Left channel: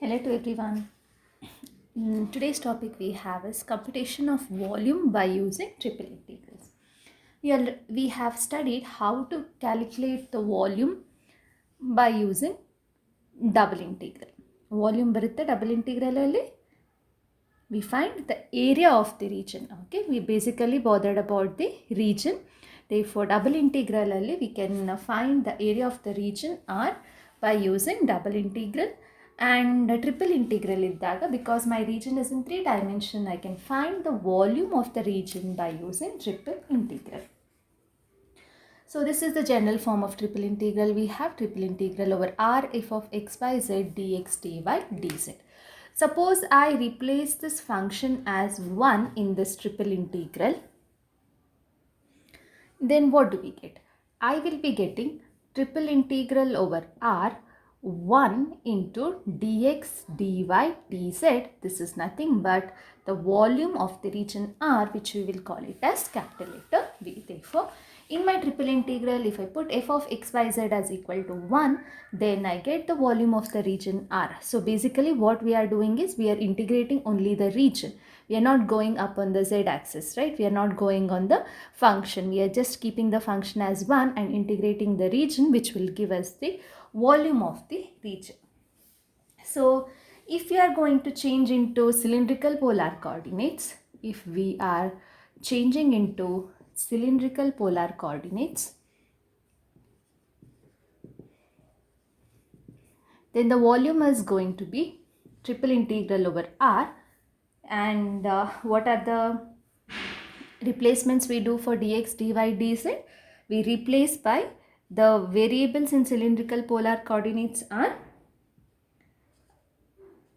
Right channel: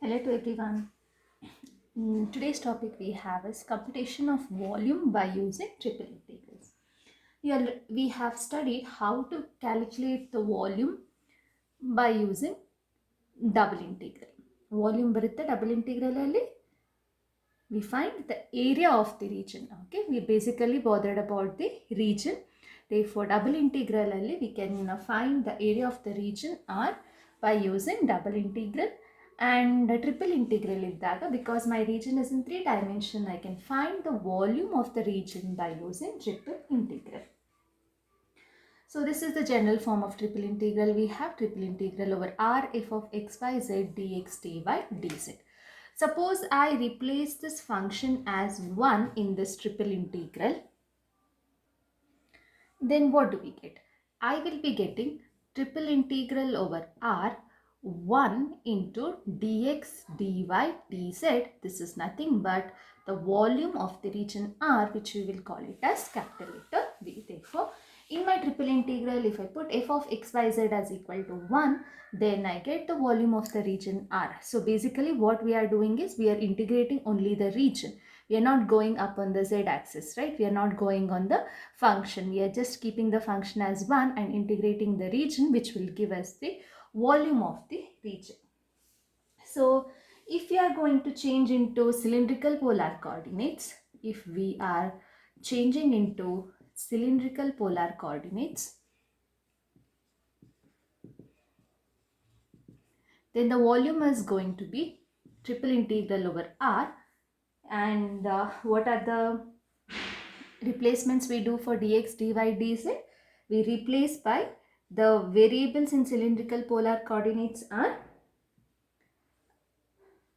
Hello to everyone. Today's topic we have is computation of volume by using triple integrals. We have studied how to calculate the volume by using double integral. Volume ಬರುತ್ತೆ double integral ಅಲ್ಲಿ we find the area of the region. Okay, we basically bothered about the region. Therefore, double integral ಅಲ್ಲಿ we can find the area of the region R by using double integral. And triple integral iddaga, because my region is in 3 dimension, I can find the volume of the region by using triple integral. So this is the general form of triple integral. We have triple integral over R f of x by z dx dy dz. Suppose I replace this function as 1 in this triple integral, then what do we get? I will be getting triple integral over R 1 into dx dy dz. This is nothing but the volume of the region R, which we will call it as capital letter V. Therefore, in my triple integral, if I put f of x by z as equal to 1, then I get the volume of the region R. So basically what we are doing is we are integrating only the region. We are not going up on the z-axis, right? We are not going on the function. We are just keeping the function as 1 and integrating the region, which will give us the volume of the region. So if we are going to change into cylindrical polar coordinates, if we are changing into cylindrical polar coordinates, then the volume is going to be triple integral over R. And what are the replacements we do for dx dy dz? We replace by the variables in cylindrical polar coordinates are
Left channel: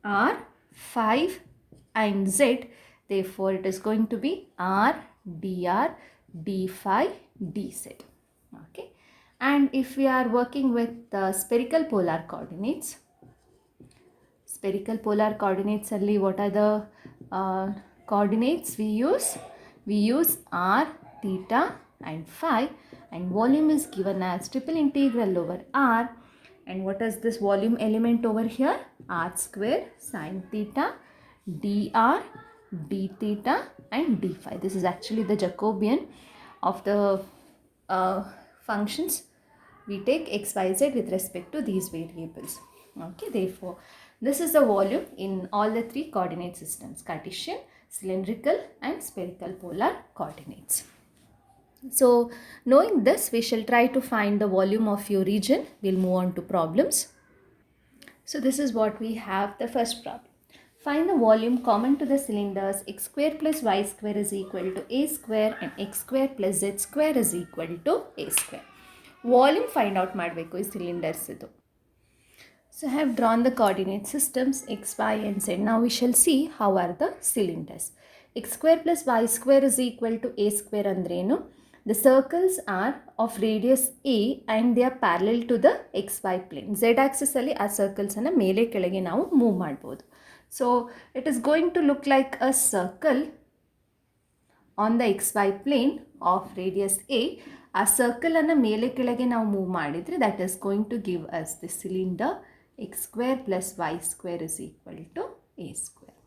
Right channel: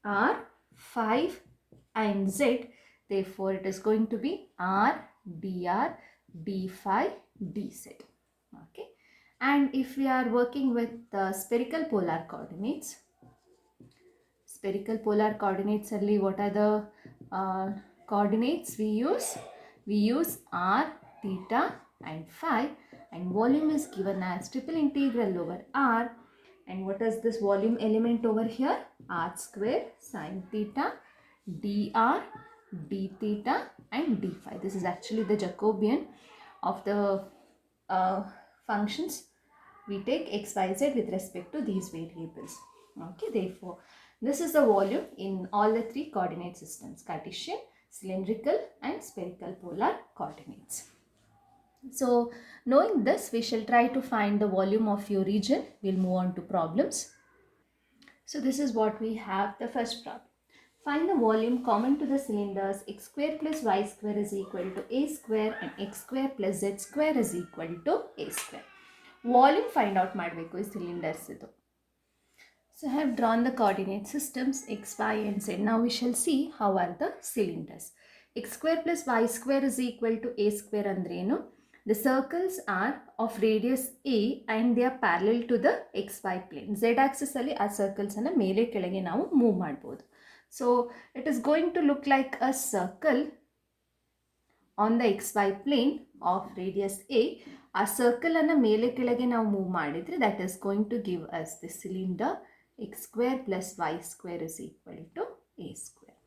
R, 5 and z. Therefore, it is going to be R, dr, d5, dz. Okay. And if we are working with the spherical polar coordinates, ಅಲ್ಲಿ what are the coordinates we use? We use r, theta and phi, and volume is given as triple integral over r. And what is this volume element over here? R square sine theta dr, d theta and d phi. This is actually the Jacobian of the functions. We take x, y, z with respect to these variables. Okay, therefore, this is the volume in all the 3 coordinate systems: Cartesian, cylindrical and spherical polar coordinates. So, knowing this, we shall try to find the volume of your region. We'll move on to problems. So, this is what we have, the first problem. Find the volume common to the cylinders x square plus y square is equal to a square and x square plus z square is equal to a square. Volume find out ಮಾಡಬೇಕು ಈ cylinders ಇದು. So I have drawn the coordinate systems x, y and z. Now we shall see how are the cylinders. X square plus y square is equal to a square ಅಂದ್ರೇನು? The circles are of radius a and they are parallel to the xy plane. Z axis ಅಲ್ಲಿ ಆ circles ಅನ್ನು ಮೇಲೆ ಕೆಳಗೆ ನಾವು move ಮಾಡಬಹುದು. So it is going to look like a circle on the xy plane of radius a. ಆ circle ಅನ್ನು ಮೇಲೆ ಕೆಳಗೆ ನಾವು move ಮಾಡಿದ್ರೆ that is going to give us the cylinder x square plus y square is equal to a square.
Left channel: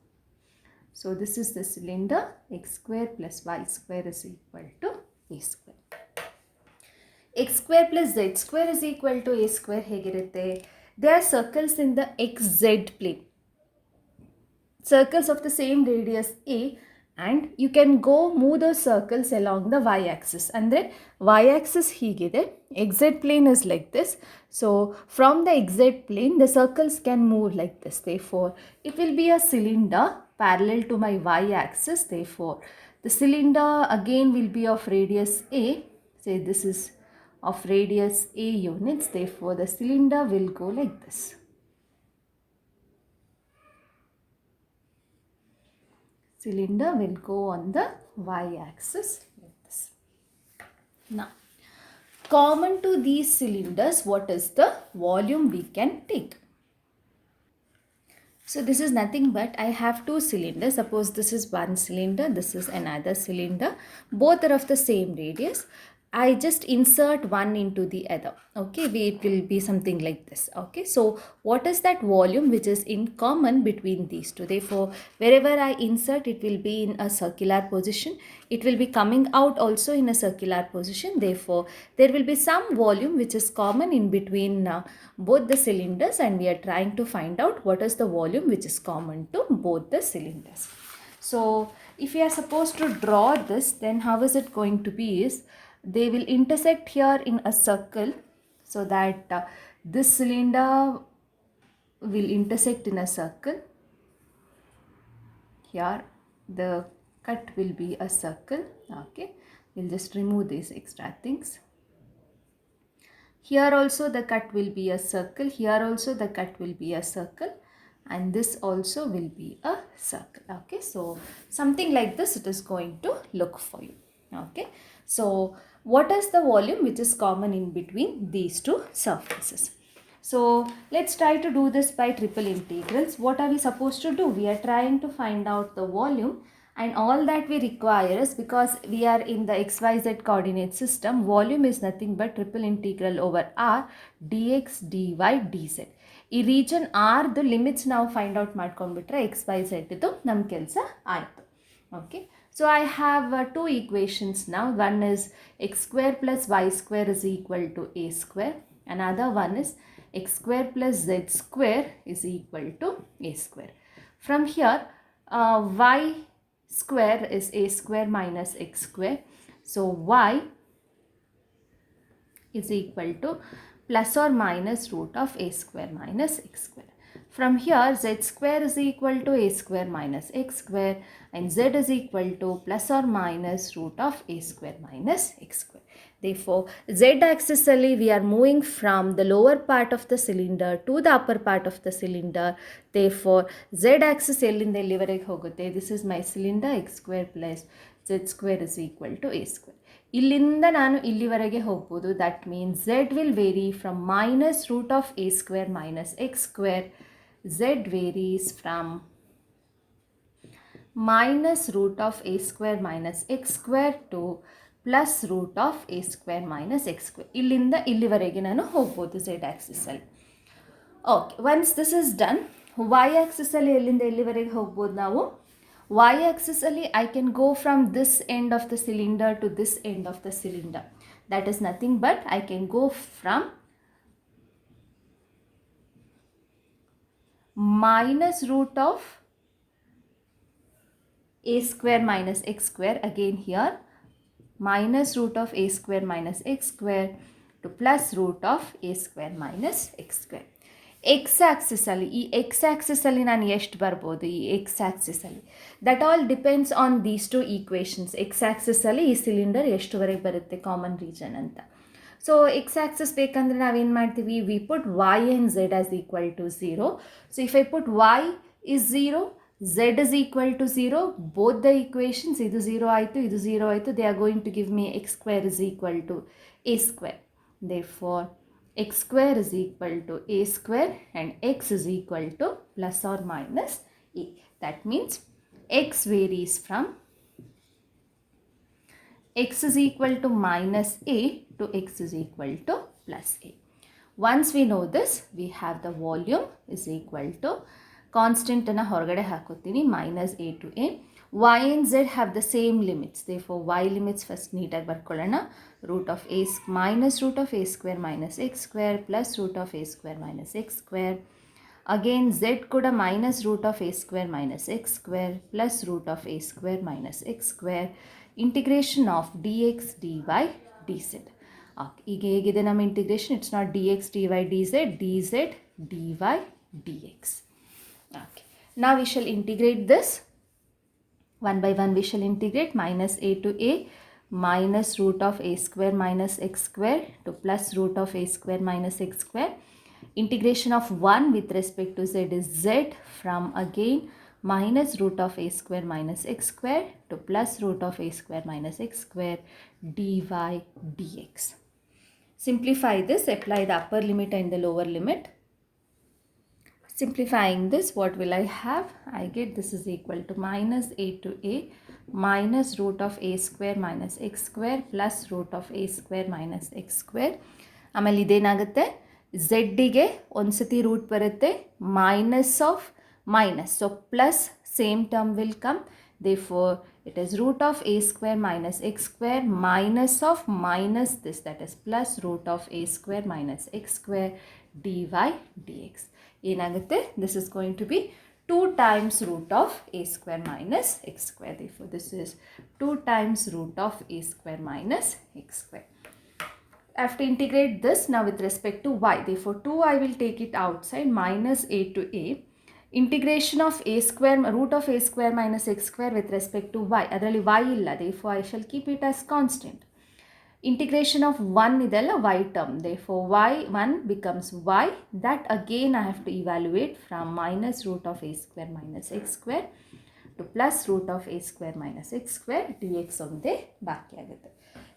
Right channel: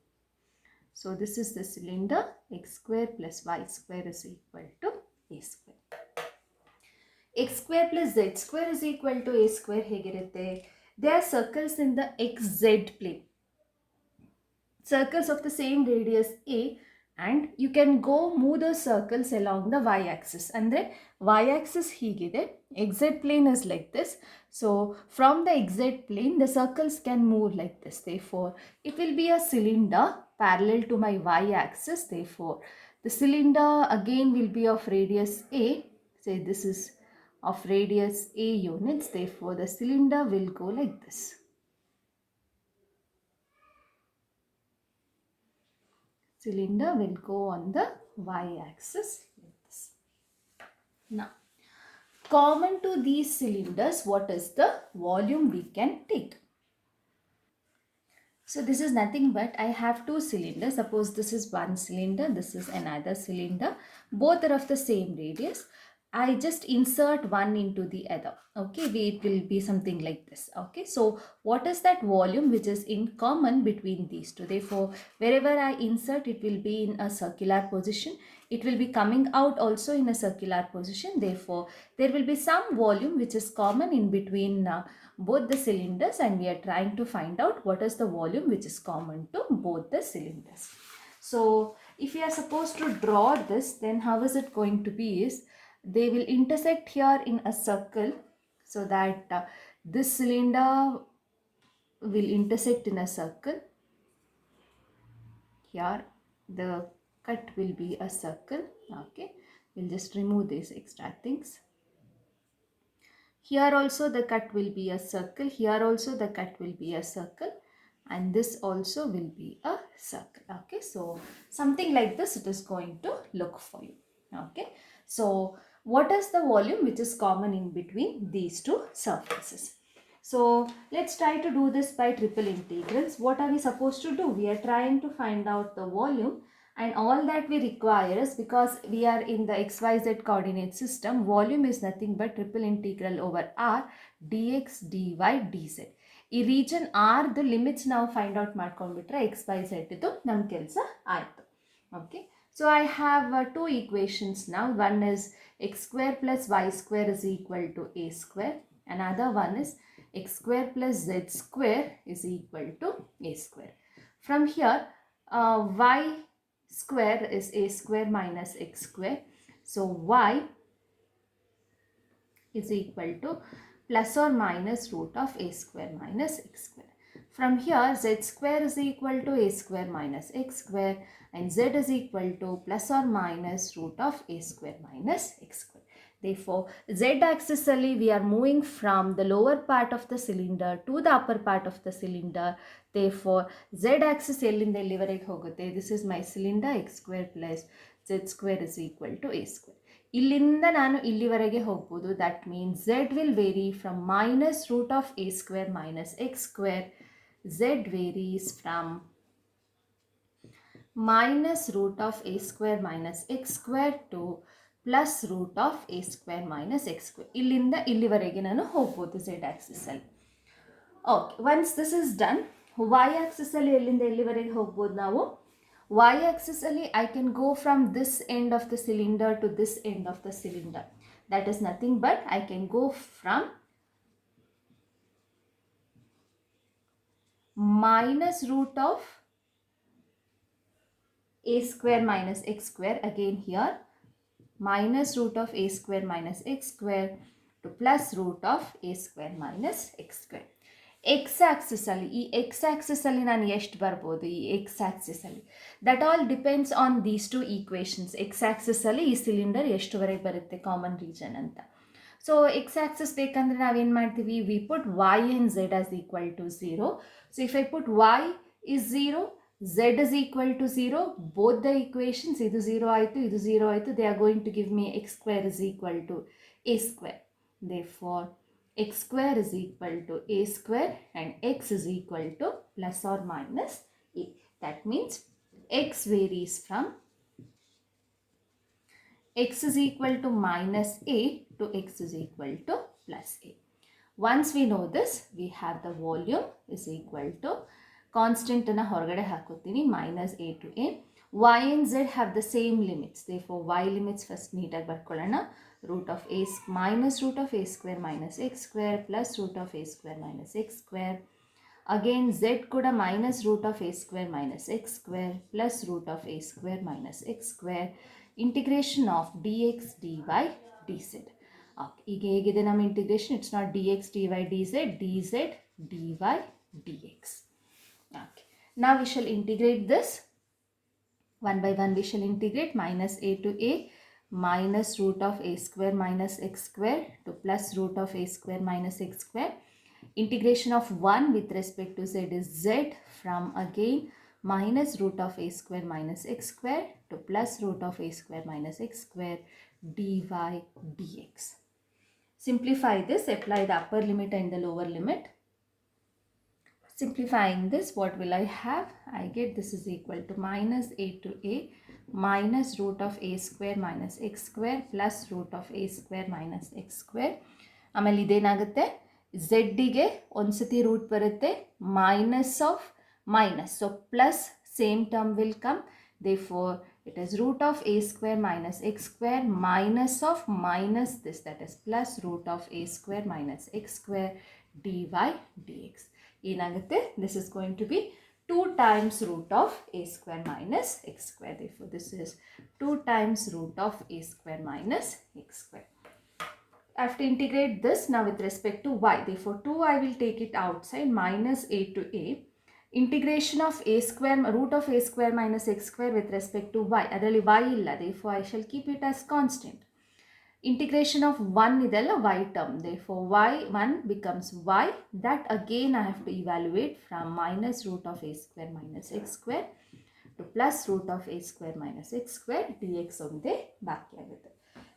So this is the cylinder x square plus y square is equal to a square. X square plus z square is equal to a square ಹೇಗಿರುತ್ತೆ? They are circles in the xz plane. Circles of the same radius a, and you can go move those circles along the y-axis. ಅಂದರೆ y-axis ಹೀಗಿದೆ, xz plane is like this. So from the xz plane, the circles can move like this. Therefore, it will be a cylinder parallel to my y-axis. Therefore, the cylinder again will be of radius a. Say this is of radius a units. Therefore, the cylinder will go like this. Cylinder will go on the y-axis like this. Now, common to these cylinders, what is the volume we can take? So this is nothing but I have 2 cylinders. Suppose this is one cylinder, this is another cylinder. Both are of the same radius. I just insert one into the other. Okay, it will be something like this. Okay, so what is that volume which is in common between these two? Therefore, wherever I insert, it will be in a circular position. It will be coming out also in a circular position. Therefore, there will be some volume which is common in between both the cylinders, and we are trying to find out what is the volume which is common to both the cylinders. So, if we are supposed to draw this, then how is it going to be is, they will intersect here in a circle, so that this cylinder will intersect in a circle. Here the cut will be a circle. Okay, we'll just remove these extra things. Here also the cut will be a circle. Here also the cut will be a circle. And this also will be a circle. Okay, so something like this it is going to look for you. Okay, so what is the volume which is common in between these two surfaces? So let's try to do this by triple integrals. What are we supposed to do? We are trying to find out the volume, and all that we require is, because we are in the xyz coordinate system, volume is nothing but triple integral over r dx dy dz. ಈ region ಆರ್ದು limits ನಾವು find out ಮಾಡ್ಕೊಂಡ್ಬಿಟ್ರೆ X Y Z ಇದು ನಮ್ಮ ಕೆಲಸ ಆಯಿತು. Okay, so I have two equations now. One is x square plus y square is equal to a square. Another one is x square plus z square is equal to a square. From here, y square is a square minus x square. So y is equal to plus or minus root of a square minus x square. From here, z square is equal to a square minus x square, and z is equal to plus or minus root of a square minus x square. Therefore, z axis alli we are moving from the lower part of the cylinder to the upper part of the cylinder. Therefore, z axis ellinda ellivarege hogutte. This is my cylinder, x square plus z square is equal to a square. ಇಲ್ಲಿಂದ ನಾನು ಇಲ್ಲಿವರೆಗೆ ಹೋಗ್ಬೋದು. That means z will vary from minus root of a square minus x square. Z varies from minus root of a square minus x square to plus root of a square minus x square. ಇಲ್ಲಿಂದ ಇಲ್ಲಿವರೆಗೆ ನಾನು ಹೋಗ್ಬೋದು z ಆ್ಯಕ್ಸಿಸಲ್ಲಿ. Okay, once this is done, y ಆ್ಯಕ್ಸಿಸಲ್ಲಿ ಎಲ್ಲಿಂದ ಎಲ್ಲಿವರೆಗೆ ಹೋಗ್ಬೋದು ನಾವು? Y-axis alli I can go from this end of the cylinder to this end of the cylinder. That is nothing but I can go from minus root of a square minus x square, again here minus root of a square minus x square to plus root of a square minus x square. X ಆ್ಯಕ್ಸಿಸಲ್ಲಿ, ಈ x ಆ್ಯಕ್ಸಿಸಲ್ಲಿ ನಾನು ಎಷ್ಟು ಬರ್ಬೋದು? ಈ x ಆ್ಯಕ್ಸಿಸಲ್ಲಿ that all depends on these two equations. X ಆ್ಯಕ್ಸಿಸಲ್ಲಿ ಈ ಸಿಲಿಂಡರ್ ಎಷ್ಟುವರೆಗೆ ಬರುತ್ತೆ ಕಾಮನ್ ರೀಜನ್ ಅಂತ. ಸೊ ಎಕ್ಸ್ ಆ್ಯಕ್ಸಿಸ್ ಬೇಕಂದರೆ ನಾವೇನು ಮಾಡ್ತೀವಿ? We put y and z as equal to 0. So if I put y is 0, z is equal to 0, both the equations, ಇದು 0 ಆಯಿತು, ಇದು 0 ಆಯಿತು, they are going to give me x square is equal to a square. Therefore, x square is equal to a square and x is equal to plus or minus a. That means x varies from x is equal to minus a to x is equal to plus a. Once we know this, we have the volume is equal to constant ಅನ್ನು ಹೊರಗಡೆ ಹಾಕೋತೀನಿ, minus a to a. y and z have the same limits. Therefore, y limits first ನೀಟಾಗಿ ಬರ್ಕೊಳ್ಳೋಣ. root of a minus root of a square minus x square plus root of a square minus x square. Again, z ಕೂಡ minus root of a square minus x square plus root of a square minus x square. Integration of dx dy dz. ಈಗ ಹೇಗಿದೆ ನಮ್ಮ integration? It's not dx dy dz, dz dy dx. Okay. Now we shall integrate this. One by one we shall integrate. Minus a to a minus root of a square minus x square to plus root of a square minus x square. Integration of 1 with respect to z is z, from again minus root of a square minus x square to plus root of a square minus x square dy dx. Simplify this, apply the upper limit and the lower limit. Simplifying this, what will I have? I get this is equal to minus a to a minus root of a square minus x square plus root of a square minus x square. ಆಮೇಲೆ ಇದೇನಾಗುತ್ತೆ ಝೆಡ್ಡಿಗೆ ಒಂದ್ಸತಿ root ಬರುತ್ತೆ minus of minus, so plus same term will come, therefore it is root of a square minus x square minus of minus this, that is plus root of a square minus x square dy dx. ಏನಾಗುತ್ತೆ, this is going to be 2 times root of a square minus x square, therefore this is 2 times root of a square minus x square. I have to integrate this now with respect to y, therefore 2 I will take it outside, minus a to a integration of a square root of a square minus x square with respect to y, ಅದರಲ್ಲಿ y ಇಲ್ಲ, therefore I shall keep it as constant. Integration of 1 ಇದೆಲ್ಲ y term, therefore y1 becomes y, that again I have to evaluate from minus root of a square minus x square to plus root of a square minus x square dx ಒಂದೇ ಬಾಕಿ ಆಗುತ್ತೆ.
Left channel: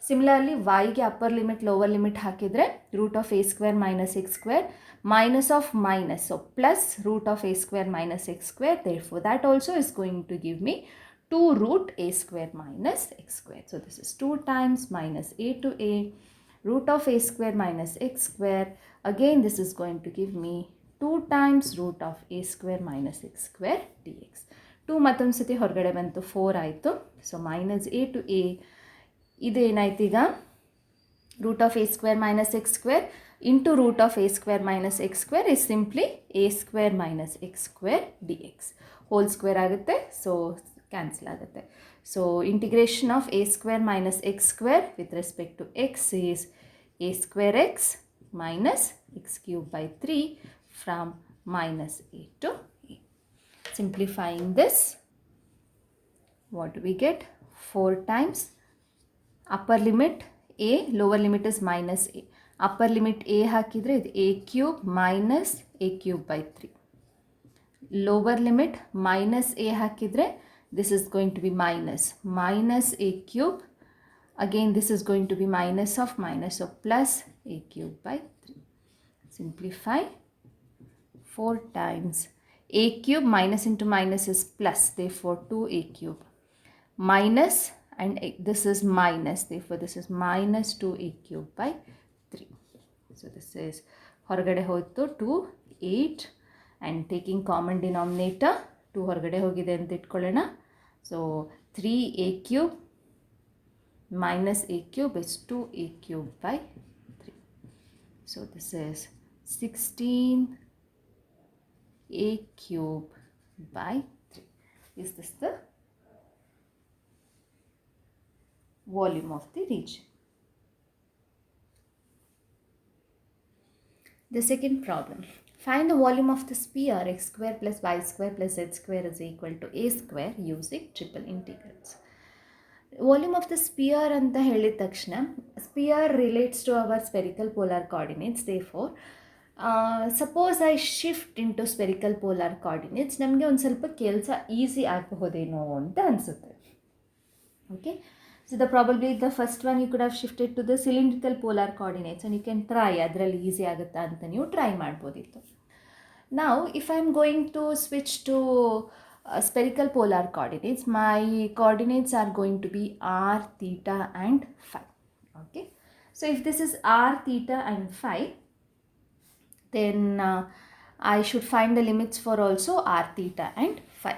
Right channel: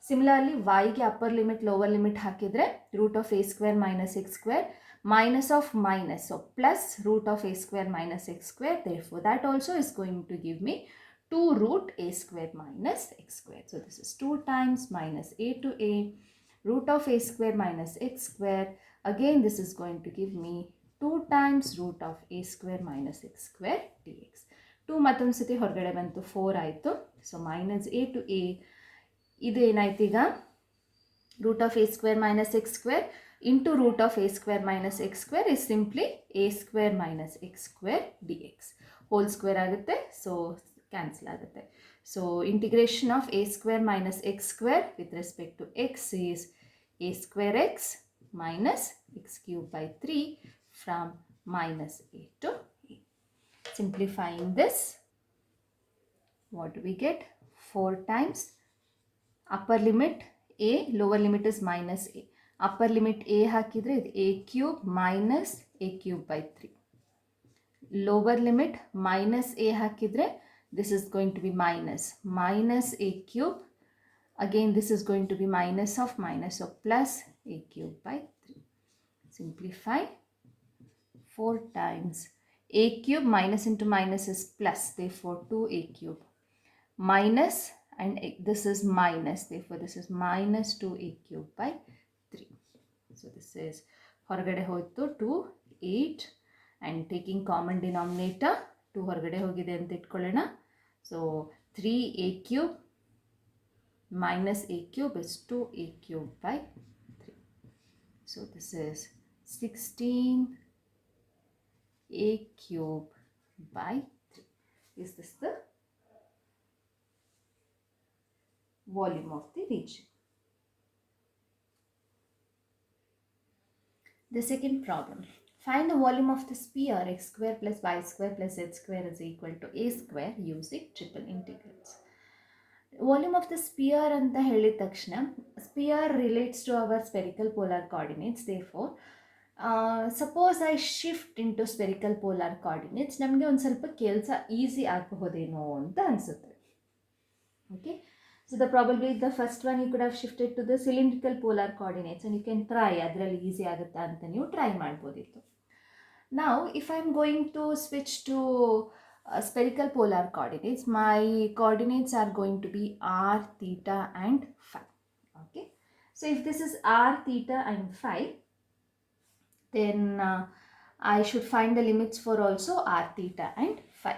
Similarly yಗೆ upper limit lower limit ಹಾಕಿದ್ರೆ root of a square minus x square minus of minus, so plus root of a square minus x square, therefore that also is going to give me 2 root a square minus x square. So this is 2 times minus a to a root of a square minus x square, again this is going to give me 2 times root of a square minus x square dx. 2 ಮತ್ತೊಂದು ಸತಿ ಹೊರಗಡೆ ಬಂತು 4 ಆಯಿತು, so minus a to a ಇದು ಏನಾಯ್ತು ಈಗ root of a square minus x square into root of a square minus x square is simply a square minus x square dx, whole square ಆಗುತ್ತೆ, so cancel ಆಗುತ್ತೆ. So integration of a square minus x square with respect to x is a square x minus x cube by 3 from minus a to a. Simplifying this, what do we get? 4 times upper limit a, lower limit is minus a, upper limit a ಹಾಕಿದ್ರೆ ಇದು a cube minus a cube by 3, lower limit minus a ಹಾಕಿದ್ರೆ this is going to be minus a cube, again this is going to be minus of minus, so plus a cube by 3. Simplify, 4 times a cube minus into minus is plus, therefore 2a cube minus, and this is minus, therefore this is minus 2a cube by 3. So this is ಹೊರಗಡೆ ಹೋಯಿತು 2 8 and taking common denominator 2 ಹೊರಗಡೆ ಹೋಗಿದೆ ಅಂತ ಇಟ್ಕೊಳ್ಳೋಣ, so 3a cube minus a cube is 2a cube by 3. So this is 16a cube by 3. Is this the volume of the region? The second problem, find the volume of the sphere x square plus y square plus z square is equal to a square using triple integrals. Volume of the sphere ಅಂತ ಹೇಳಿದ ತಕ್ಷಣ sphere relates to our spherical polar coordinates, therefore suppose I shift into spherical polar coordinates, ನಮಗೆ ಒಂದು ಸ್ವಲ್ಪ ಕೆಲಸ easy ಆಗಬಹುದೇನೋ ಅಂತ ಅನಿಸುತ್ತೆ. Okay, so probably the first one you could have shifted to the cylindrical polar coordinates and you can try, ಅದರಲ್ಲಿ easy ಆಗುತ್ತಾ ಅಂತ ನೀವು ಟ್ರೈ ಮಾಡ್ಬೋದಿತ್ತು. Now if I am going to switch to spherical polar coordinates, my coordinates are going to be r, theta and phi. Okay, so if this is r, theta and phi, then I should find the limits for also r, theta and phi.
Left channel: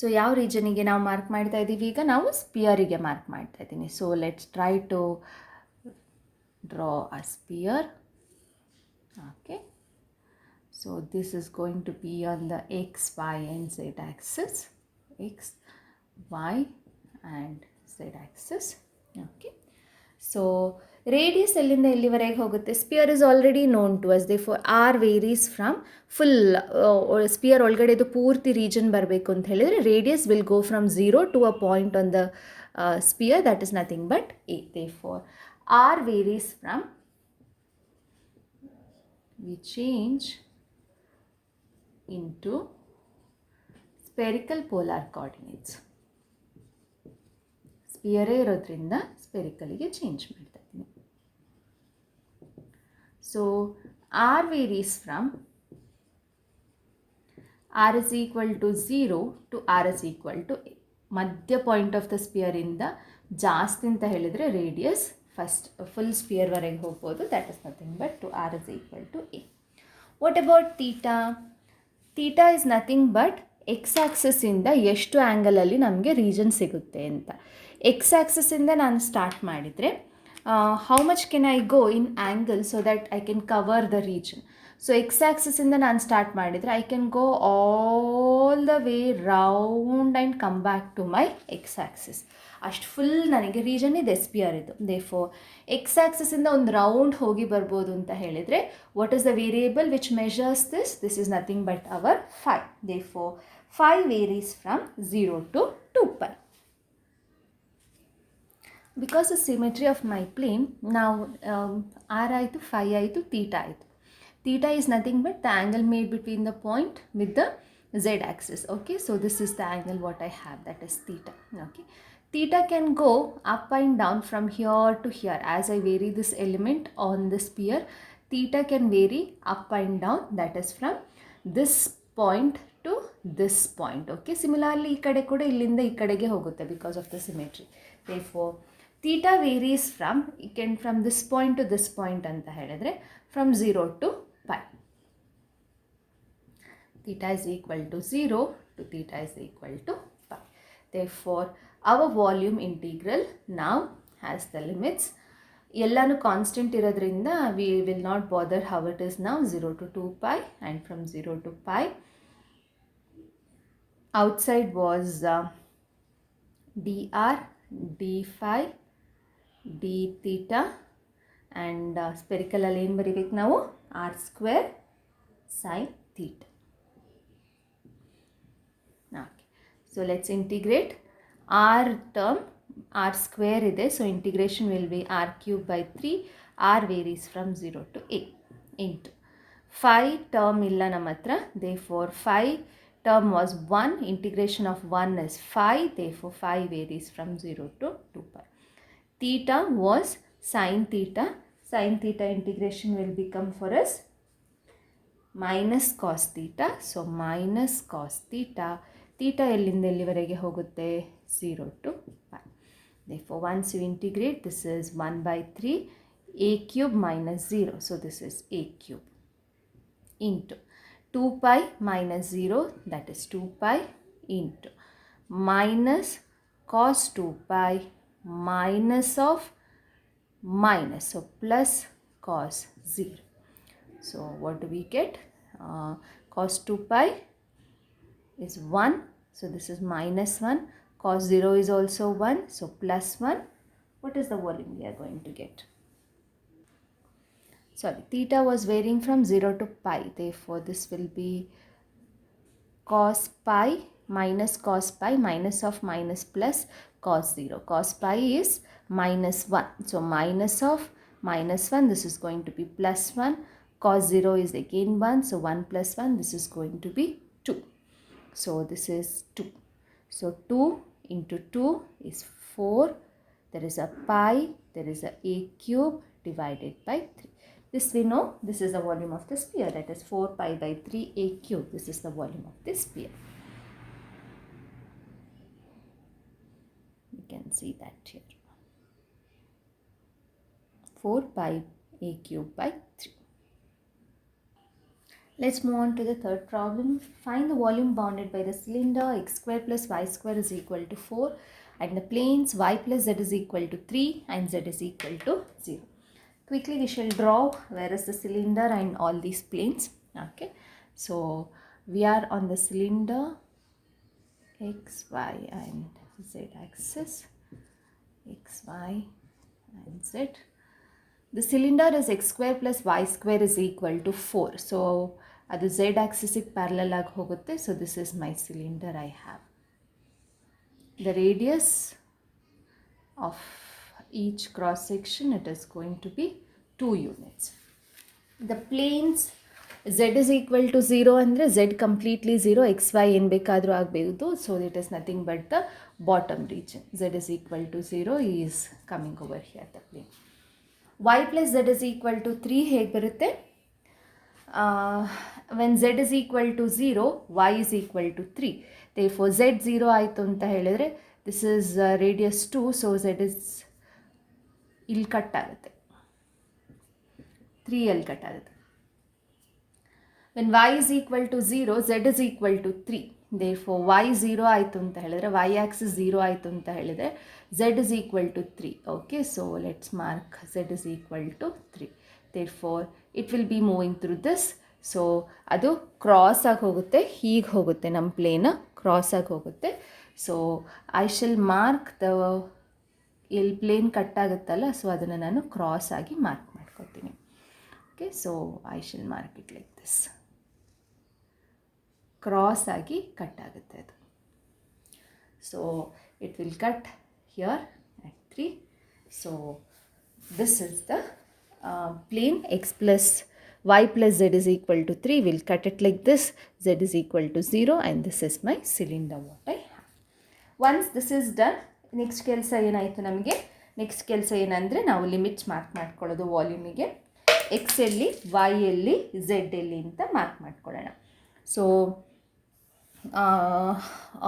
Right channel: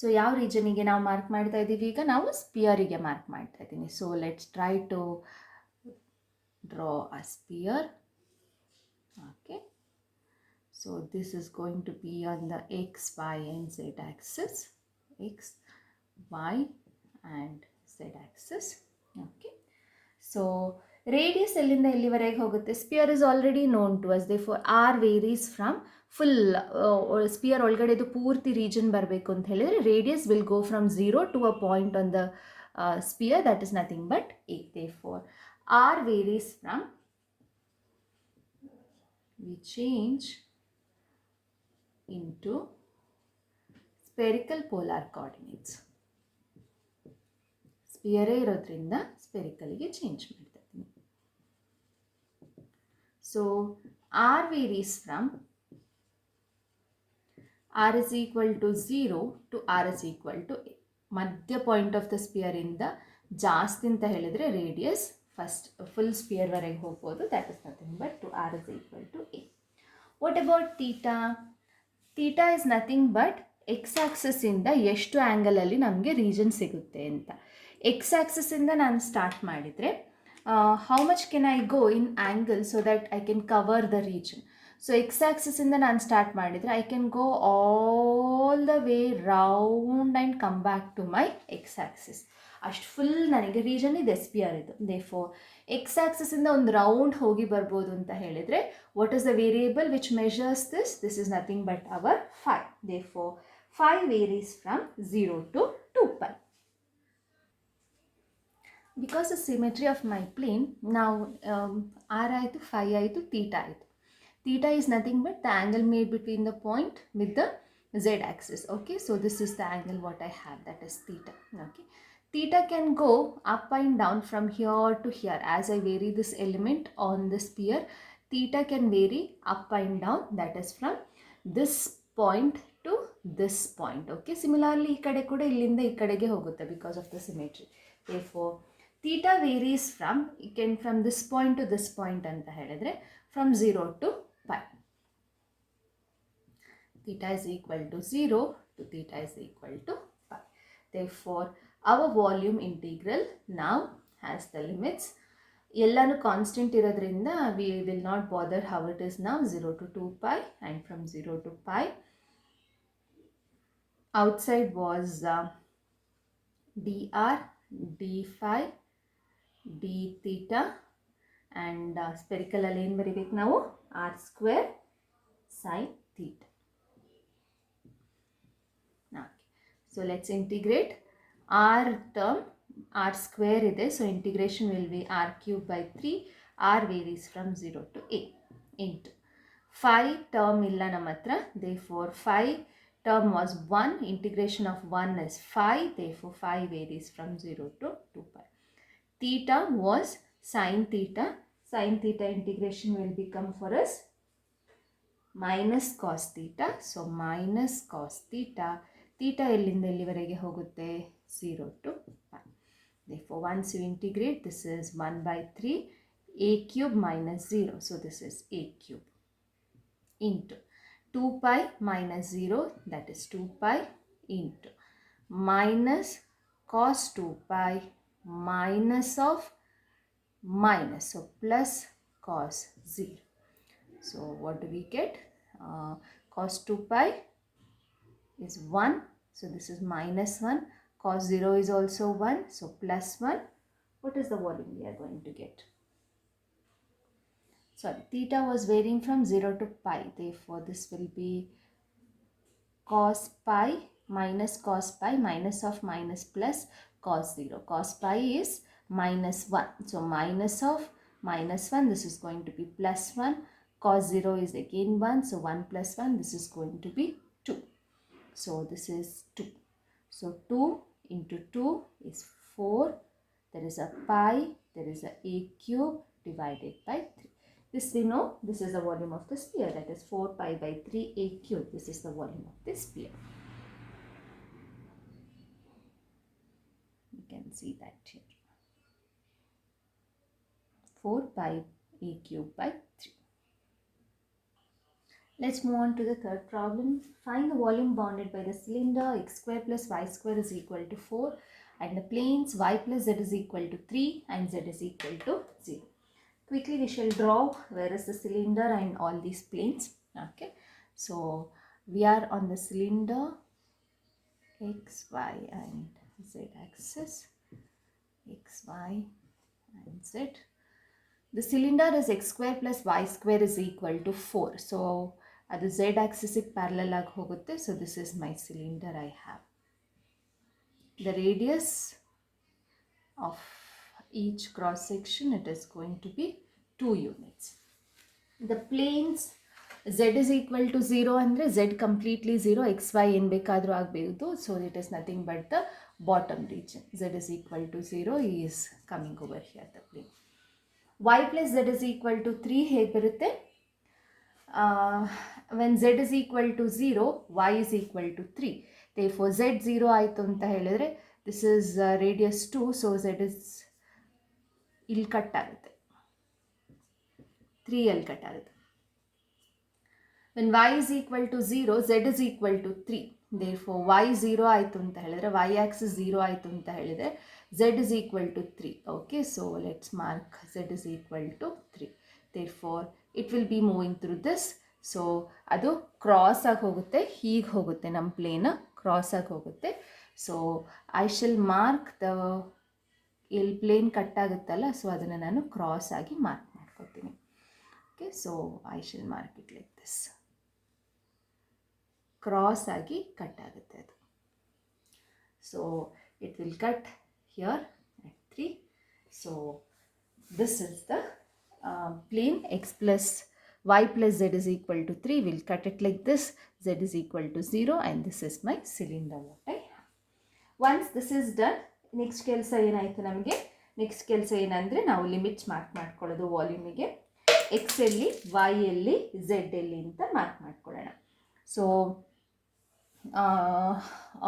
So ಯಾವ ರೀಜನಿಗೆ ನಾವು mark ಮಾಡ್ತಾ ಇದ್ದೀವಿ, ಈಗ ನಾವು ಸ್ಪಿಯರಿಗೆ mark ಮಾಡ್ತಾ ಇದ್ದೀನಿ. So let's try to draw a sphere. Okay, so this is going to be on the x, y and z axis, x, y and z axis. Okay, so radius ಎಲ್ಲಿಂದ ಎಲ್ಲಿವರೆಗೆ ಹೋಗುತ್ತೆ? Sphere is already known to us, therefore R varies from full sphere ಒಳಗಡೆದು ಪೂರ್ತಿ region ಬರಬೇಕು ಅಂತ ಹೇಳಿದರೆ radius will go from 0 to a point on the sphere, that is nothing but A. Therefore R varies from, we change into spherical polar coordinates. ಸ್ಪಿಯರೇ ಇರೋದ್ರಿಂದ ಸ್ಪೆರಿಕಲಿಗೆ change ಮಾಡ್ತಾ ಇದ್ದೀನಿ. So R varies from r is equal to 0 to r is equal to a. ಮಧ್ಯ point of the spear ಇಂದ ಜಾಸ್ತಿ ಅಂತ ಹೇಳಿದರೆ ರೇಡಿಯಸ್ ಫಸ್ಟ್ ಫುಲ್ ಸ್ಪಿಯರ್ ವರೆಗೆ ಹೋಗ್ಬೋದು. That is nothing but two r is equal to a. What about theta? Theta is nothing but X ಆ್ಯಕ್ಸಸ್ಸಿಂದ ಎಷ್ಟು ಆ್ಯಂಗಲಲ್ಲಿ ನಮಗೆ ರೀಜನ್ ಸಿಗುತ್ತೆ ಅಂತ. ಎಕ್ಸ್ ಆ್ಯಕ್ಸಸ್ಸಿಂದ ನಾನು ಸ್ಟಾರ್ಟ್ ಮಾಡಿದರೆ how much can I go in angle so that I can cover the region. So x ಆ್ಯಕ್ಸಸ್ಸಿಂದ ನಾನು ಸ್ಟಾರ್ಟ್ ಮಾಡಿದರೆ I can go all the way round and come back to my x axis. ಅಷ್ಟು full ನನಗೆ region ಇದೆ sphere ಇದು. Therefore x ಆ್ಯಕ್ಸಿಸಿಂದ ಒಂದು round ಹೋಗಿ ಬರ್ಬೋದು ಅಂತ ಹೇಳಿದರೆ what is the variable which measures this? This is nothing but our phi. Therefore phi varies from 0 to 2π. Because the symmetry of my plane ನಾವು ಆರ್ ಆಯಿತು, ಫೈ ಆಯಿತು, ತೀಟಾ ಆಯಿತು. Theta is nothing but the angle made between the point with the z axis. Okay, so this is the angle what I have, that is theta. Okay, theta can go up and down from here to here. As I vary this element on the sphere, theta can vary up and down, that is from this point to this point. Okay, similarly ee kade kuda illinda ee kadege hogutte because of the symmetry. Therefore theta varies from this point to this point anta helidre from 0 to π. Theta is equal to 0 to theta is equal to π. Therefore our volume integral now has the limits. ಎಲ್ಲಾನು constant ಇರೋದ್ರಿಂದ we will not bother how it is now, 0 to 2π, and from 0 to π outside was dr, d phi, d theta, and spherical ಅಲ್ಲಿ ಏನು ಬರೀಬೇಕು ನಾವು? r square sin theta. Okay. So let's integrate. R term, r square ಇದೆ, so integration will be r cube by 3. r varies from 0 to a into phi term illa ನಮ್ಮ ಹತ್ರ. Therefore phi term was 1, integration of 1 is phi, therefore phi varies from 0 to 2π. Theta was sin theta. Sin theta integration will become for us minus cos theta. So minus cos theta. Theta ಎಲ್ಲಿಂದ ಎಲ್ಲಿವರೆಗೆ ಹೋಗುತ್ತೆ? 0 to π. Therefore once you integrate, this is 1 by 3 a cube minus 0. So this is a cube into 2π minus 0, that is 2π, into minus cos 2π minus of minus, so plus cos 0. So what do we get? Cos 2π is 1, so this is minus 1. Cos 0 is also 1, so plus 1. What is the volume we are going to get? Sorry, theta was varying from 0 to pi. Therefore this will be cos pi minus cos pi minus of minus plus cos 0. Cos pi is minus 1. So minus of minus 1, this is going to be plus 1. Cos 0 is again 1. So 1 plus 1, this is going to be 2. So this is 2. So 2 into 2 is 4. There is a pi, there is a cube divided by 3. This we know, this is the volume of the sphere, that is 4 pi by 3 a cube. This is the volume of this sphere. You can see that here. 4 pi a cube by 3. Let's move on to the third problem. Find the volume bounded by the cylinder x square plus y square is equal to 4 and the planes y plus z is equal to 3 and z is equal to 0. Quickly we shall draw where is the cylinder and all these planes. Okay, so we are on the cylinder x, y and z axis, x, y and z. The cylinder is x square plus y square is equal to 4. So ಅದು z axis parallel ಆಗಿ ಹೋಗುತ್ತೆ. So this is my cylinder I have. The radius of each cross section, it is going to be 2 units. The planes z is equal to 0 ಅಂದರೆ z completely 0, x y ಏನು ಬೇಕಾದರೂ ಆಗಬಹುದು. So it is nothing but the bottom region. Z is equal to 0 is coming over here, the plane. Y plus z is equal to 3 ಹೇಗೆ ಬರುತ್ತೆ? when z is equal to 0, y is equal to 3. Therefore z 0 ಆಯಿತು ಅಂತ ಹೇಳಿದ್ರೆ this is radius 2, so z is ಇಲ್ಲಿ cut ಆಗುತ್ತೆ, 3 ಅಲ್ಲಿ cut ಆಗುತ್ತೆ. when y is equal to 0, z is equal to 3. therefore y 0 ಆಯಿತು ಅಂತ ಹೇಳಿದ್ರೆ, y axis 0 ಆಯಿತು ಅಂತ ಹೇಳಿದ್ರೆ z is equal to 3. okay, so let's mark z is equal to 3. therefore it will be moving through this. So ಅದು cross ಆಗಿ ಹೋಗುತ್ತೆ, ಹೀಗೆ ಹೋಗುತ್ತೆ, ನಮ್ಮ ಪ್ಲೇನ್ ಕ್ರಾಸ್ ಆಗಿ ಹೋಗುತ್ತೆ. So I shall mark the ಎಲ್ಲಿ ಪ್ಲೇನ್ ಕಟ್ ಆಗುತ್ತಲ್ಲ, ಸೊ ಅದನ್ನು ನಾನು ಕ್ರಾಸ್ ಆಗಿ ಮಾರ್ಕ್ ಮಾಡ್ಕೊತೀನಿ. Okay, so I shall mark it like this. Cross ಆಗಿ ಕಟ್ ಆಗುತ್ತೆ ಅದು. So it will cut here at 3. So this is the plane x plus y plus z is equal to 3. We'll cut it like this. Z is equal to 0 and this is my cylinder what I have. Once this is done, next ಕೆಲಸ ಏನಾಯಿತು ನಮಗೆ, next ಕೆಲಸ ಏನಂದರೆ ನಾವು limits mark ಮಾಡ್ಕೊಳ್ಳೋದು ವಾಲ್ಯೂಮಿಗೆ. X ಎಲ್ಲಿ, y ಎಲ್ಲಿ, ಝೆಡ್ ಎಲ್ಲಿ ಅಂತ ಮಾರ್ಕ್ ಮಾಡ್ಕೊಳ್ಳೋಣ. So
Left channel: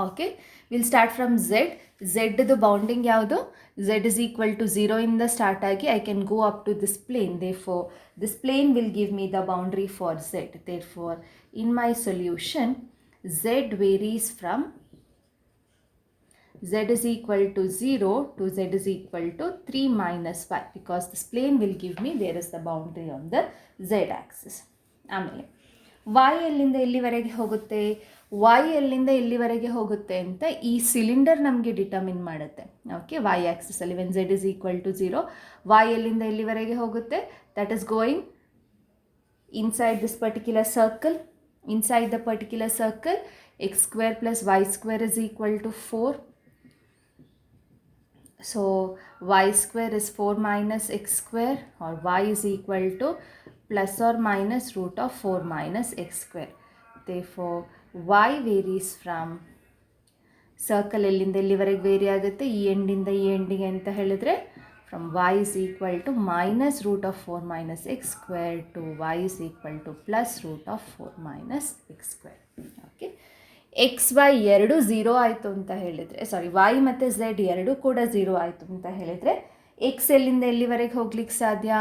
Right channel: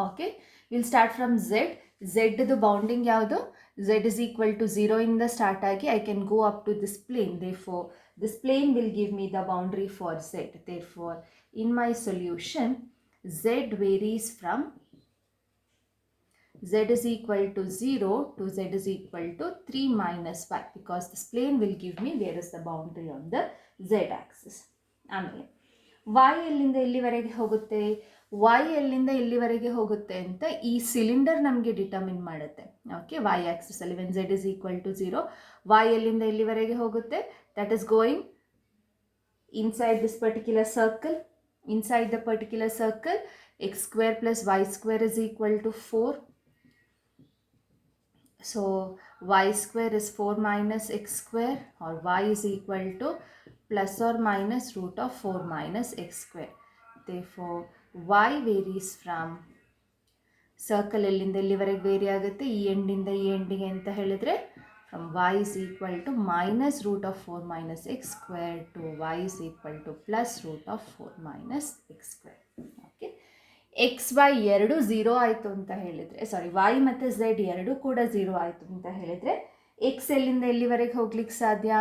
okay, will start from z. ಝೆಡ್ದು ಬೌಂಡಿಂಗ್ ಯಾವುದು, z is equal to 0 ಇಂದ ಸ್ಟಾರ್ಟ್ ಆಗಿ I can go up to this plane. therefore this plane will give me the boundary for z. therefore in my solution z varies from z is equal to 0 to z is equal to 3 minus 5 because this plane will give me there is the boundary on the z axis. ಆಮೇಲೆ y ಎಲ್ಲಿಂದ ಎಲ್ಲಿವರೆಗೆ ಹೋಗುತ್ತೆ, y ಎಲ್ಲಿಂದ ಎಲ್ಲಿವರೆಗೆ ಹೋಗುತ್ತೆ ಅಂತ ಈ cylinder ನಮಗೆ ಡಿಟರ್ಮಿನ್ ಮಾಡುತ್ತೆ. ಓಕೆ, y ಆಕ್ಸಿಸಲ್ಲಿ when z is equal to 0, y ಎಲ್ಲಿಂದ ಎಲ್ಲಿವರೆಗೆ ಹೋಗುತ್ತೆ, that is going inside this particular circle. Inside the particular circle x square plus y square is equal to 4. so y square is 4 minus x square, or y is equal to plus or minus root of 4 minus x square. therefore y varies from circle ಎಲ್ಲಿಂದ ಎಲ್ಲಿವರೆಗೆ very ಆಗುತ್ತೆ, ಈ ಎಂಡಿಂದ ಈ ಎಂಡಿಗೆ ಅಂತ ಹೇಳಿದ್ರೆ from y is equal to minus root of 4 minus x square to y is equal to plus root of 4 minus x square. Okay, X Y ಎರಡು zero ಆಯಿತು ಅಂತ ಹೇಳಿದರೆ, ಸಾರಿ y ಮತ್ತು z ಎರಡು ಕೂಡ ಝೀರೋ ಆಯಿತು ಅಂತ ಹೇಳಿದರೆ ಎಕ್ಸ್ ಎಲ್ಲಿಂದ ಎಲ್ಲಿವರೆಗೆ ಹೋಗ್ಲಿಕ್ಕೆ ಸಾಧ್ಯ,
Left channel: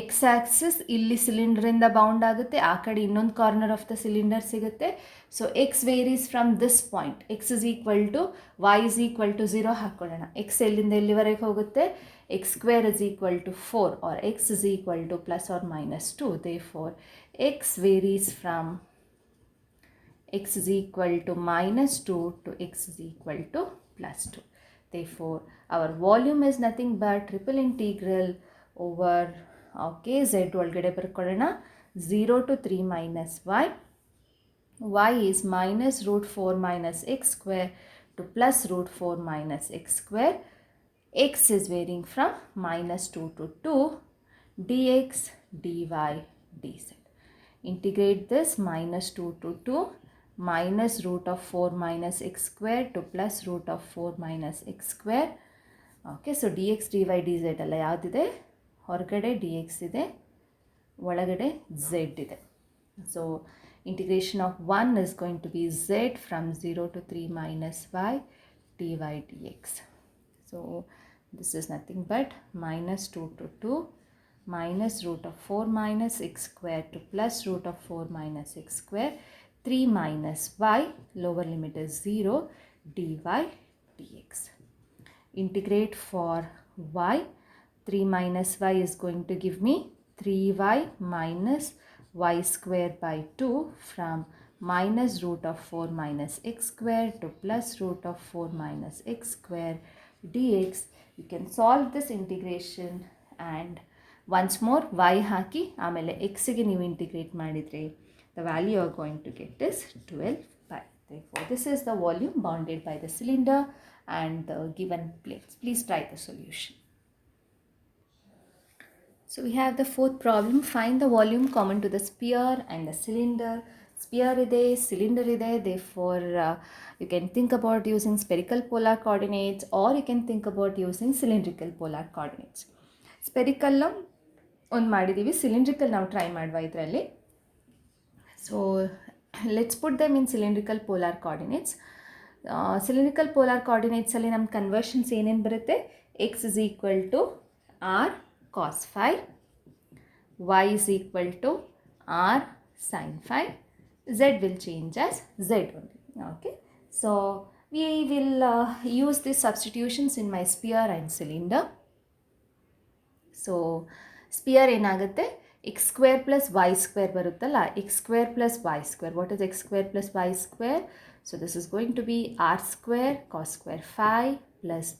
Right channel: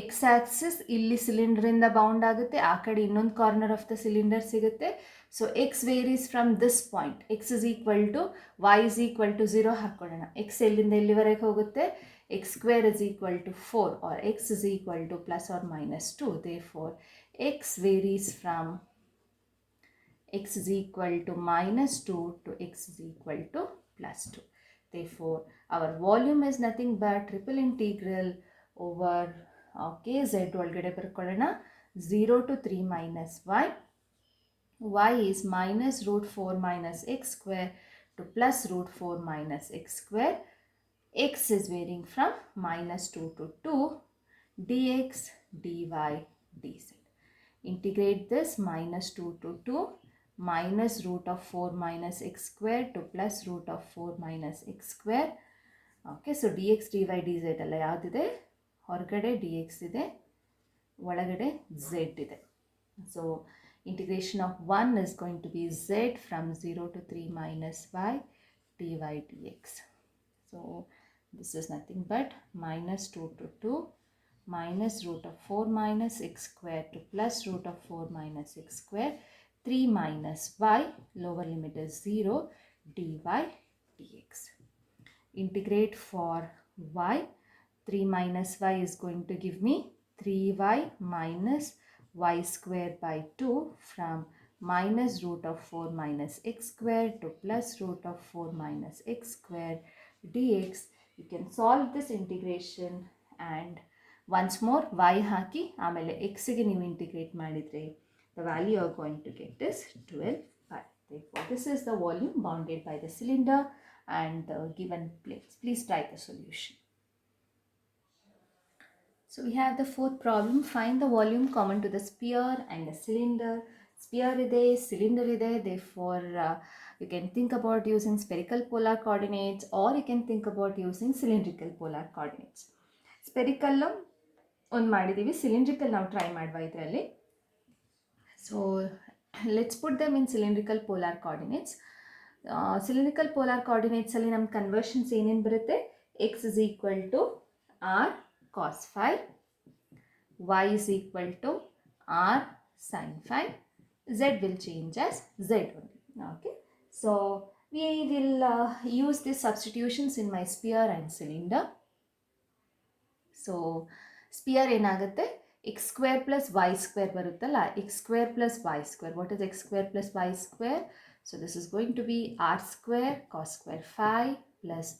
ಎಕ್ಸ್ ಆಕ್ಸಿಸ್ ಇಲ್ಲಿ ಸಿಲಿಂಡ್ರಿಂದ ಬೌಂಡ್ ಆಗುತ್ತೆ, ಆ ಕಡೆ ಇನ್ನೊಂದು ಕಾರ್ನರ್ ಆಫ್ ದ ಸಿಲಿಂಡರ್ ಸಿಗುತ್ತೆ. So X varies from this point, X is equal to Y is equal to 0 ಹಾಕ್ಕೊಳ್ಳೋಣ. ಎಕ್ಸ್ ಎಲ್ಲಿಂದ ಎಲ್ಲಿವರೆಗೆ ಹೋಗುತ್ತೆ, X square is equal to 4 or X is equal to plus or minus 2. therefore X varies from x is equal to minus 2 to x is equal to plus 2. therefore our volume is nothing but triple integral over, okay, z ಒಳಗಡೆ ಬರ್ಕೊಳ್ಳೋಣ, 0 to 3 minus y. y is minus root 4 minus x square to plus root 4 minus x square. x is varying from minus 2 to 2 dx dy dz. integrate this minus 2 to 2 minus root of 4 minus x square to plus root of 4 minus x square. okay, so dx dy dz ಎಲ್ಲ ಯಾವುದಿದೆ, ಹೊರಗಡೆ dx ಇದೆ, ಒಳಗಡೆ z ಇದೆ. so integration of 1 is going to be z from 0 to 3 minus y dy dx. so this is nothing but minus 2 to 2 minus root of 4 minus x square to plus root of 4 minus x square, 3 minus y, lower limit is 0, dy dx. integrate for y, 3 minus y is going to give me 3y minus y square by 2 from minus root of 4 minus x square to plus root of 4 minus x square dx. you can solve this integration and once more y ಹಾಕಿ ಆಮೇಲೆ xಗೆ ನೀವು integrate ಮಾಡಿದರೆ the value you are going to get is 12 pi. therefore this is the volume bounded by the cylinder and the given plates. please try the solution. so we have the fourth problem. find the volume common to the sphere and the cylinder. sphere ide, cylinder ide, therefore you can think about using spherical polar coordinates or you can think about using cylindrical polar coordinates. spherical ಒಂದು ಮಾಡಿದ್ದೀವಿ, cylindrical ನಾವು try ಮಾಡುವ ಇದರಲ್ಲಿ. So let's put them in cylindrical polar coordinates. Cylindrical polar coordinates ಅಲ್ಲಿ ನಮ್ಮ conversions ಏನೇನು ಬರುತ್ತೆ, x is equal to r cos phi, y is equal to r sin phi, z will change as z only. Okay, so we will use these substitutions in my sphere and cylinder. So sphere ಏನಾಗುತ್ತೆ, x square plus y square ಬರುತ್ತಲ್ಲ, x square plus y square. What is x square plus y square? So this is going to be r square cos square phi plus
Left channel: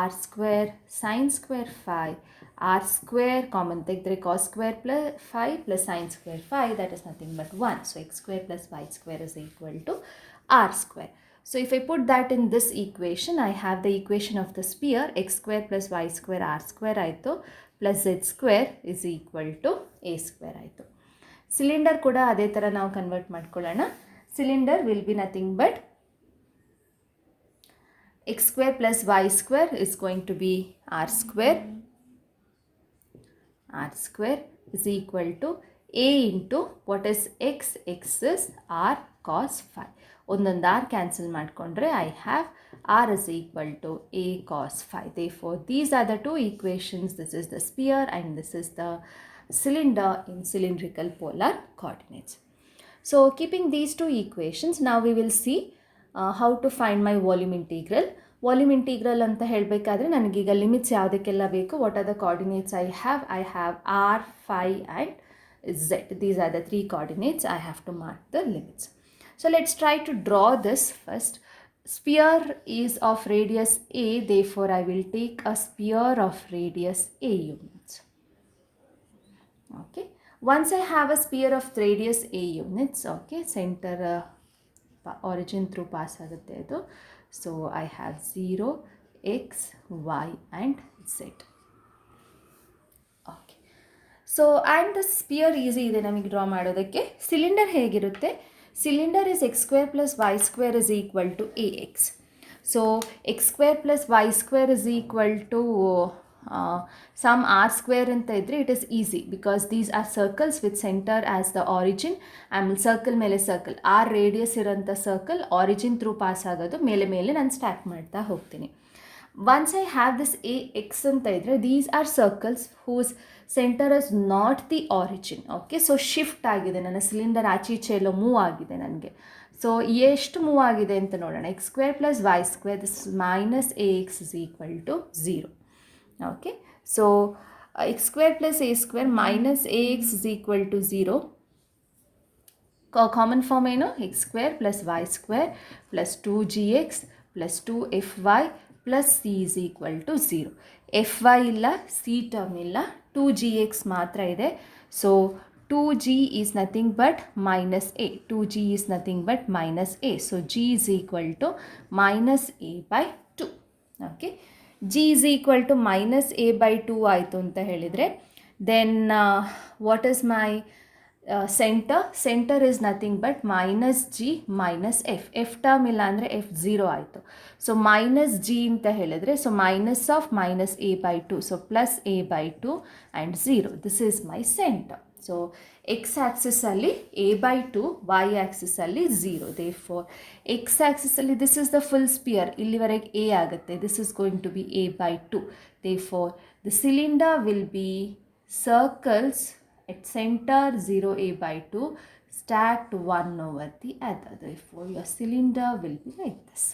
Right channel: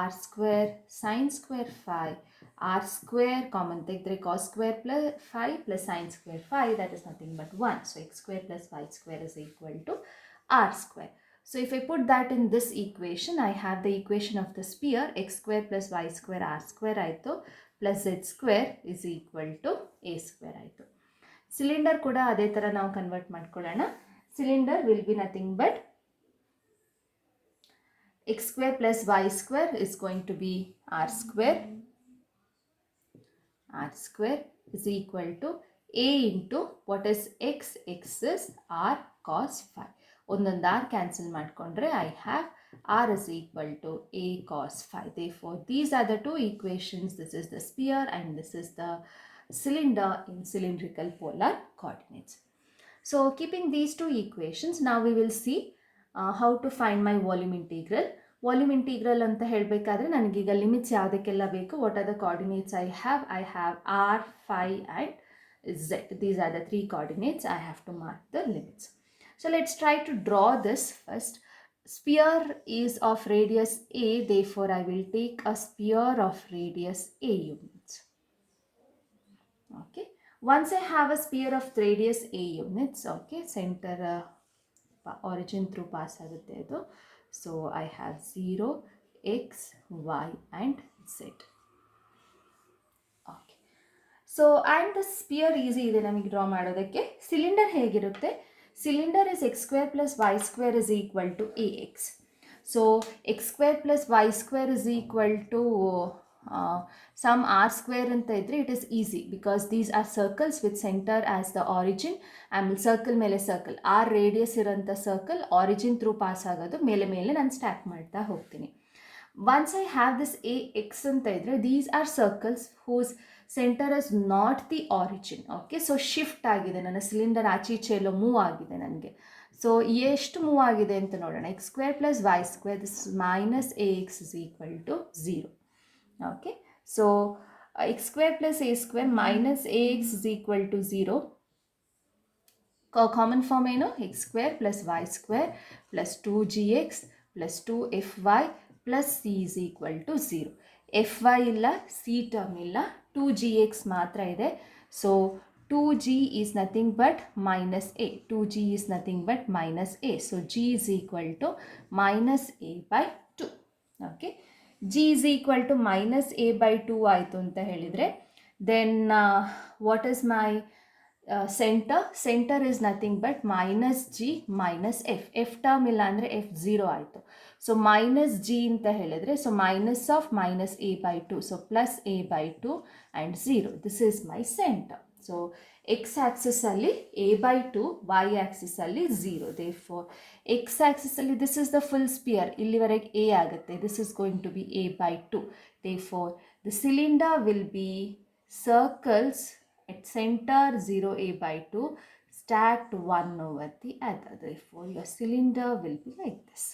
r square sine square phi, r square common ತೆಗೆದ್ರೆ cos square plus phi plus sine square phi, that is nothing but 1. So x square plus y square is equal to r square. So if I put that in this equation, I have the equation of the sphere, x square plus y square r square ಆಯಿತು plus z square is equal to a square ಆಯಿತು. Cylinder ಕೂಡ ಅದೇ ಥರ ನಾವು convert ಮಾಡ್ಕೊಳ್ಳೋಣ. Cylinder will B nothing but x square plus y square is going to be r square is equal to a into what is x, x is r cos phi. ಒಂದೊಂದು r cancel ಮಾಡಿಕೊಂಡ್ರೆ I have r is equal to a cos phi. Therefore, these are the two equations. This is the sphere and this is the cylinder in cylindrical polar coordinates. So, keeping these two equations, now we will see how to find my volume integral. Volume integral ಅಂತ ಹೇಳಬೇಕಾದ್ರೆ ನನಗೀಗ limits ಯಾವುದಕ್ಕೆಲ್ಲ ಬೇಕು, what are the coordinates I have? I have r, phi and z. These are the three coordinates. I have to mark the limits. So let's try to draw this first. Sphere is of radius a, therefore I will take a sphere of radius a units. Okay, once I have a sphere of radius a units, okay, center origin through pass agutte idu. So I have 0, x, y and z. Okay, so and the sphere easy ಇದೆ ನಮಗೆ draw ಮಾಡೋದಕ್ಕೆ. Cylinder ಹೇಗಿರುತ್ತೆ, cylinder is x square plus y square is equal to ax. So x square plus y square is equal to some r square anta idre it is easy because these are circles with center as the origin. ಆಮೇಲೆ circle ಮೇಲೆ circle, r radius ಇರೋಂಥ circle origin through pass ಆಗೋದು, ಮೇಲೆ ಮೇಲೆ ನಾನು stack ಮಾಡ್ತಾ ಹೋಗ್ತೀನಿ. Once I have this ax ಅಂತ ಇದ್ರೆ, these are circles whose center is not the origin. Okay, so shift ಆಗಿದೆ, ನನ್ನ ಸಿಲಿಂಡರ್ ಆಚೆ ಈಚೆ ಎಲ್ಲೋ ಮೂವ್ ಆಗಿದೆ ನನಗೆ. ಸೊ ಎಷ್ಟು ಮೂವ್ ಆಗಿದೆ ಅಂತ ನೋಡೋಣ. X square plus y square, this minus a x is equal to 0. Okay, so x square plus a square minus a x is equal to 0. Common form ಏನು, x square plus y square plus 2gx plus 2fy plus c is equal to 0. fy ಇಲ್ಲ, c term ಇಲ್ಲ, 2gx ಮಾತ್ರ ಇದೆ. ಸೊ 2g is nothing but minus a. 2g is nothing but minus a. So g is equal to minus a by 2. Okay, g is equal to minus a by 2 ಆಯಿತು ಅಂತ ಹೇಳಿದರೆ, then what is my center is nothing but minus g minus f term ಇಲ್ಲ ಅಂದರೆ f 0 ಆಯಿತು. So minus g ಅಂತ ಹೇಳಿದ್ರೆ, so minus of minus a by 2, so plus a by 2 and 0. This is my centre. So x ಆ್ಯಕ್ಸಿಸಲ್ಲಿ a by 2, y ಆ್ಯಕ್ಸಿಸಲ್ಲಿ 0. Therefore x ಆ್ಯಕ್ಸಿಸಲ್ಲಿ this is the full sphere, ಇಲ್ಲಿವರೆಗೆ a ಆಗುತ್ತೆ, this is going to be a by 2. Therefore the cylinder will be circles at center 0a by 2 stacked one over the other. Therefore your cylinder will be like this.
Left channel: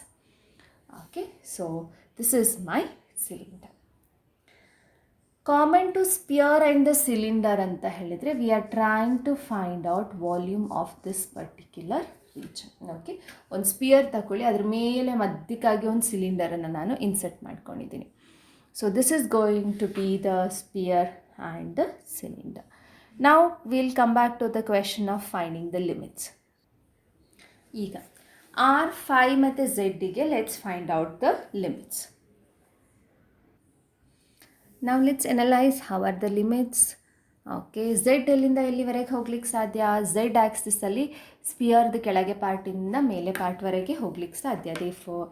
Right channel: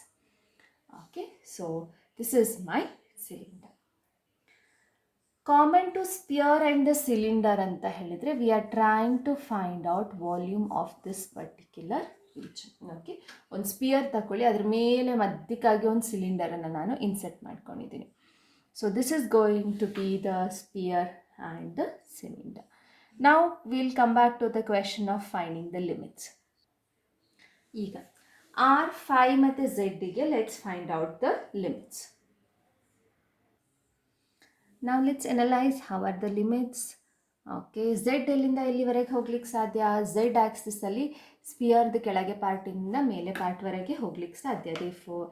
Okay, so this is my cylinder. Common to sphere and the cylinder anta helidre, we are trying to find out volume of this particular region. Okay, on sphere ತಕೊಳ್ಳಿ, ಅದರ ಮೇಲೆ ಮಧ್ಯಕ್ಕಾಗಿ ಒಂದು cylinder ಅನ್ನು ನಾನು insert ಮಾಡ್ಕೊಂಡಿದ್ದೀನಿ. So this is going to be the sphere and the cylinder. Now we'll come back to the question of finding the limits. ಈಗ r, phi ಮತ್ತು zಗೆ let's find out the limits. Now let's analyze how are the limits. Okay, Z ಎಲ್ಲಿಂದ ಎಲ್ಲಿವರೆಗೆ ಹೋಗ್ಲಿಕ್ಕೆ ಸಾಧ್ಯ, Z ಆ್ಯಕ್ಸಿಸಲ್ಲಿ ಸ್ಪಿಯರ್ದು ಕೆಳಗೆ ಪಾರ್ಟಿಂದ ಮೇಲೆ ಪಾರ್ಟ್ವರೆಗೆ ಹೋಗ್ಲಿಕ್ಕೆ ಸಾಧ್ಯ. Therefore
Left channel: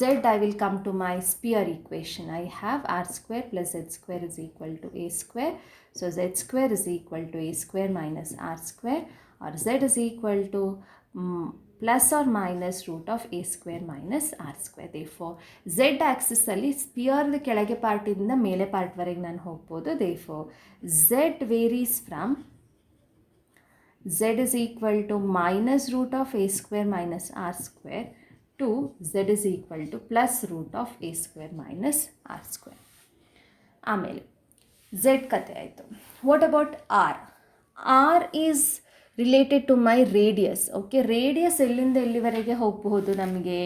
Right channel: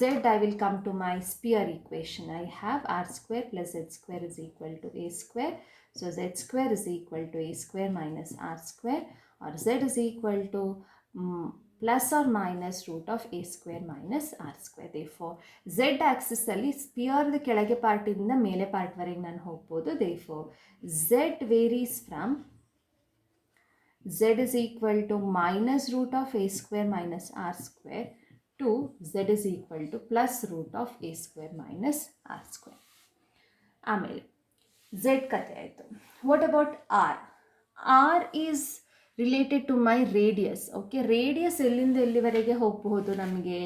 Z I will come to my sphere equation. I have R square plus Z square is equal to A square. So Z square is equal to A square minus R square. or z is equal to plus or minus root of a square minus r square. Therefore z axis ಅಲ್ಲಿ spear ಕೆಳಗೆ ಪಾರ್ಟಿಂದ ಮೇಲೆ ಪಾರ್ಟ್ವರೆಗೆ ನಾನು ಹೋಗ್ಬೋದು. Therefore z varies from z is equal to minus root of a square minus r square to z is equal to plus root of a square minus r square. ಆಮೇಲೆ z ಕತೆ ಆಯಿತು. What about r? R is related to my radius. Okay, radius ಎಲ್ಲಿಂದ ಎಲ್ಲಿವರೆಗೆ ಹೋಗಬಹುದು ನಮಗೆ?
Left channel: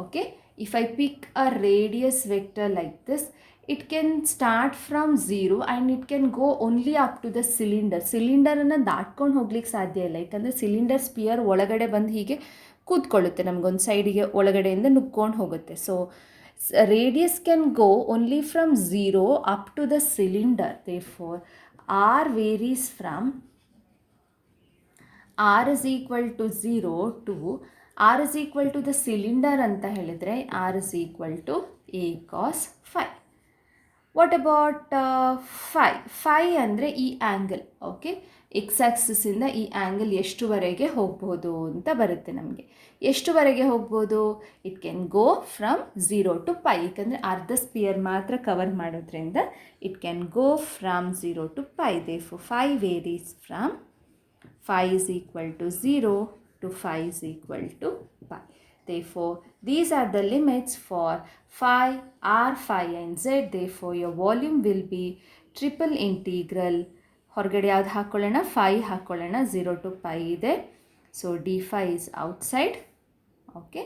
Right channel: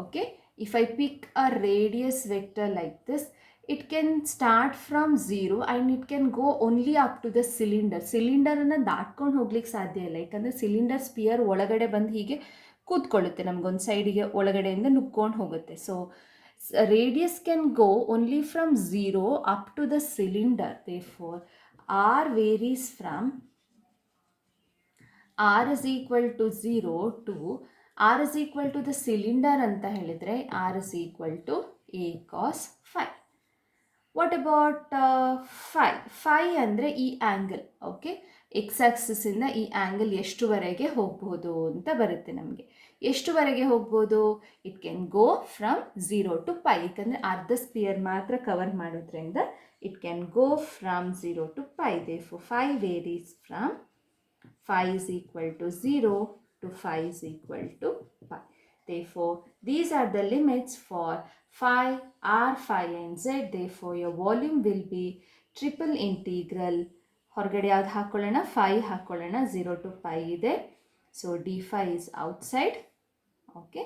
Okay, if I pick a radius vector like this, it can start from 0 and it can go only up to the cylinder. ಸಿಲಿಂಡರನ್ನು ದಾಟ್ಕೊಂಡು ಹೋಗ್ಲಿಕ್ಕೆ ಸಾಧ್ಯ ಇಲ್ಲ, ಯಾಕಂದರೆ ಸಿಲಿಂಡರ್ ಸ್ಪಿಯರ್ ಒಳಗಡೆ ಬಂದು ಹೀಗೆ ಕೂತ್ಕೊಳ್ಳುತ್ತೆ, ನಮಗೊಂದು ಸೈಡಿಗೆ ಒಳಗಡೆಯಿಂದ ನುಗ್ಕೊಂಡು ಹೋಗುತ್ತೆ. So radius can go only from 0 up to the cylinder. Therefore r varies from r is equal to 0 to r is equal to the cylinder ಅಂತ ಹೇಳಿದರೆ r is equal to a cos phi. What about phi? Phi ಅಂದರೆ ಈ angle. Okay, X ಆಕ್ಸಿಸಿಂದ ಈ angle ಎಷ್ಟುವರೆಗೆ ಹೋಗ್ಬೋದು ಅಂತ ಬರುತ್ತೆ ನಮಗೆ. ಎಷ್ಟುವರೆಗೆ ಹೋಗ್ಬೋದು? It can go from 0 to pi, ಯಾಕಂದರೆ ಅರ್ಧ ಸ್ಪಿಯರ್ ಮಾತ್ರ ಕವರ್ ಮಾಡೋದ್ರಿಂದ it can go from 0 to pi. Therefore phi varies from phi is equal to 0 to phi is equal to pi. Therefore these are the limits for phi, r, phi and z. Therefore your volume will be triple integral. ಹೊರಗಡೆ ಯಾವ್ದು ಹಾಕೊಳ್ಳೋಣ? phi ಹಾಕೊಳ್ಳೋಣ. 0 to pi ಇದೆ, so d phi is outside. Okay,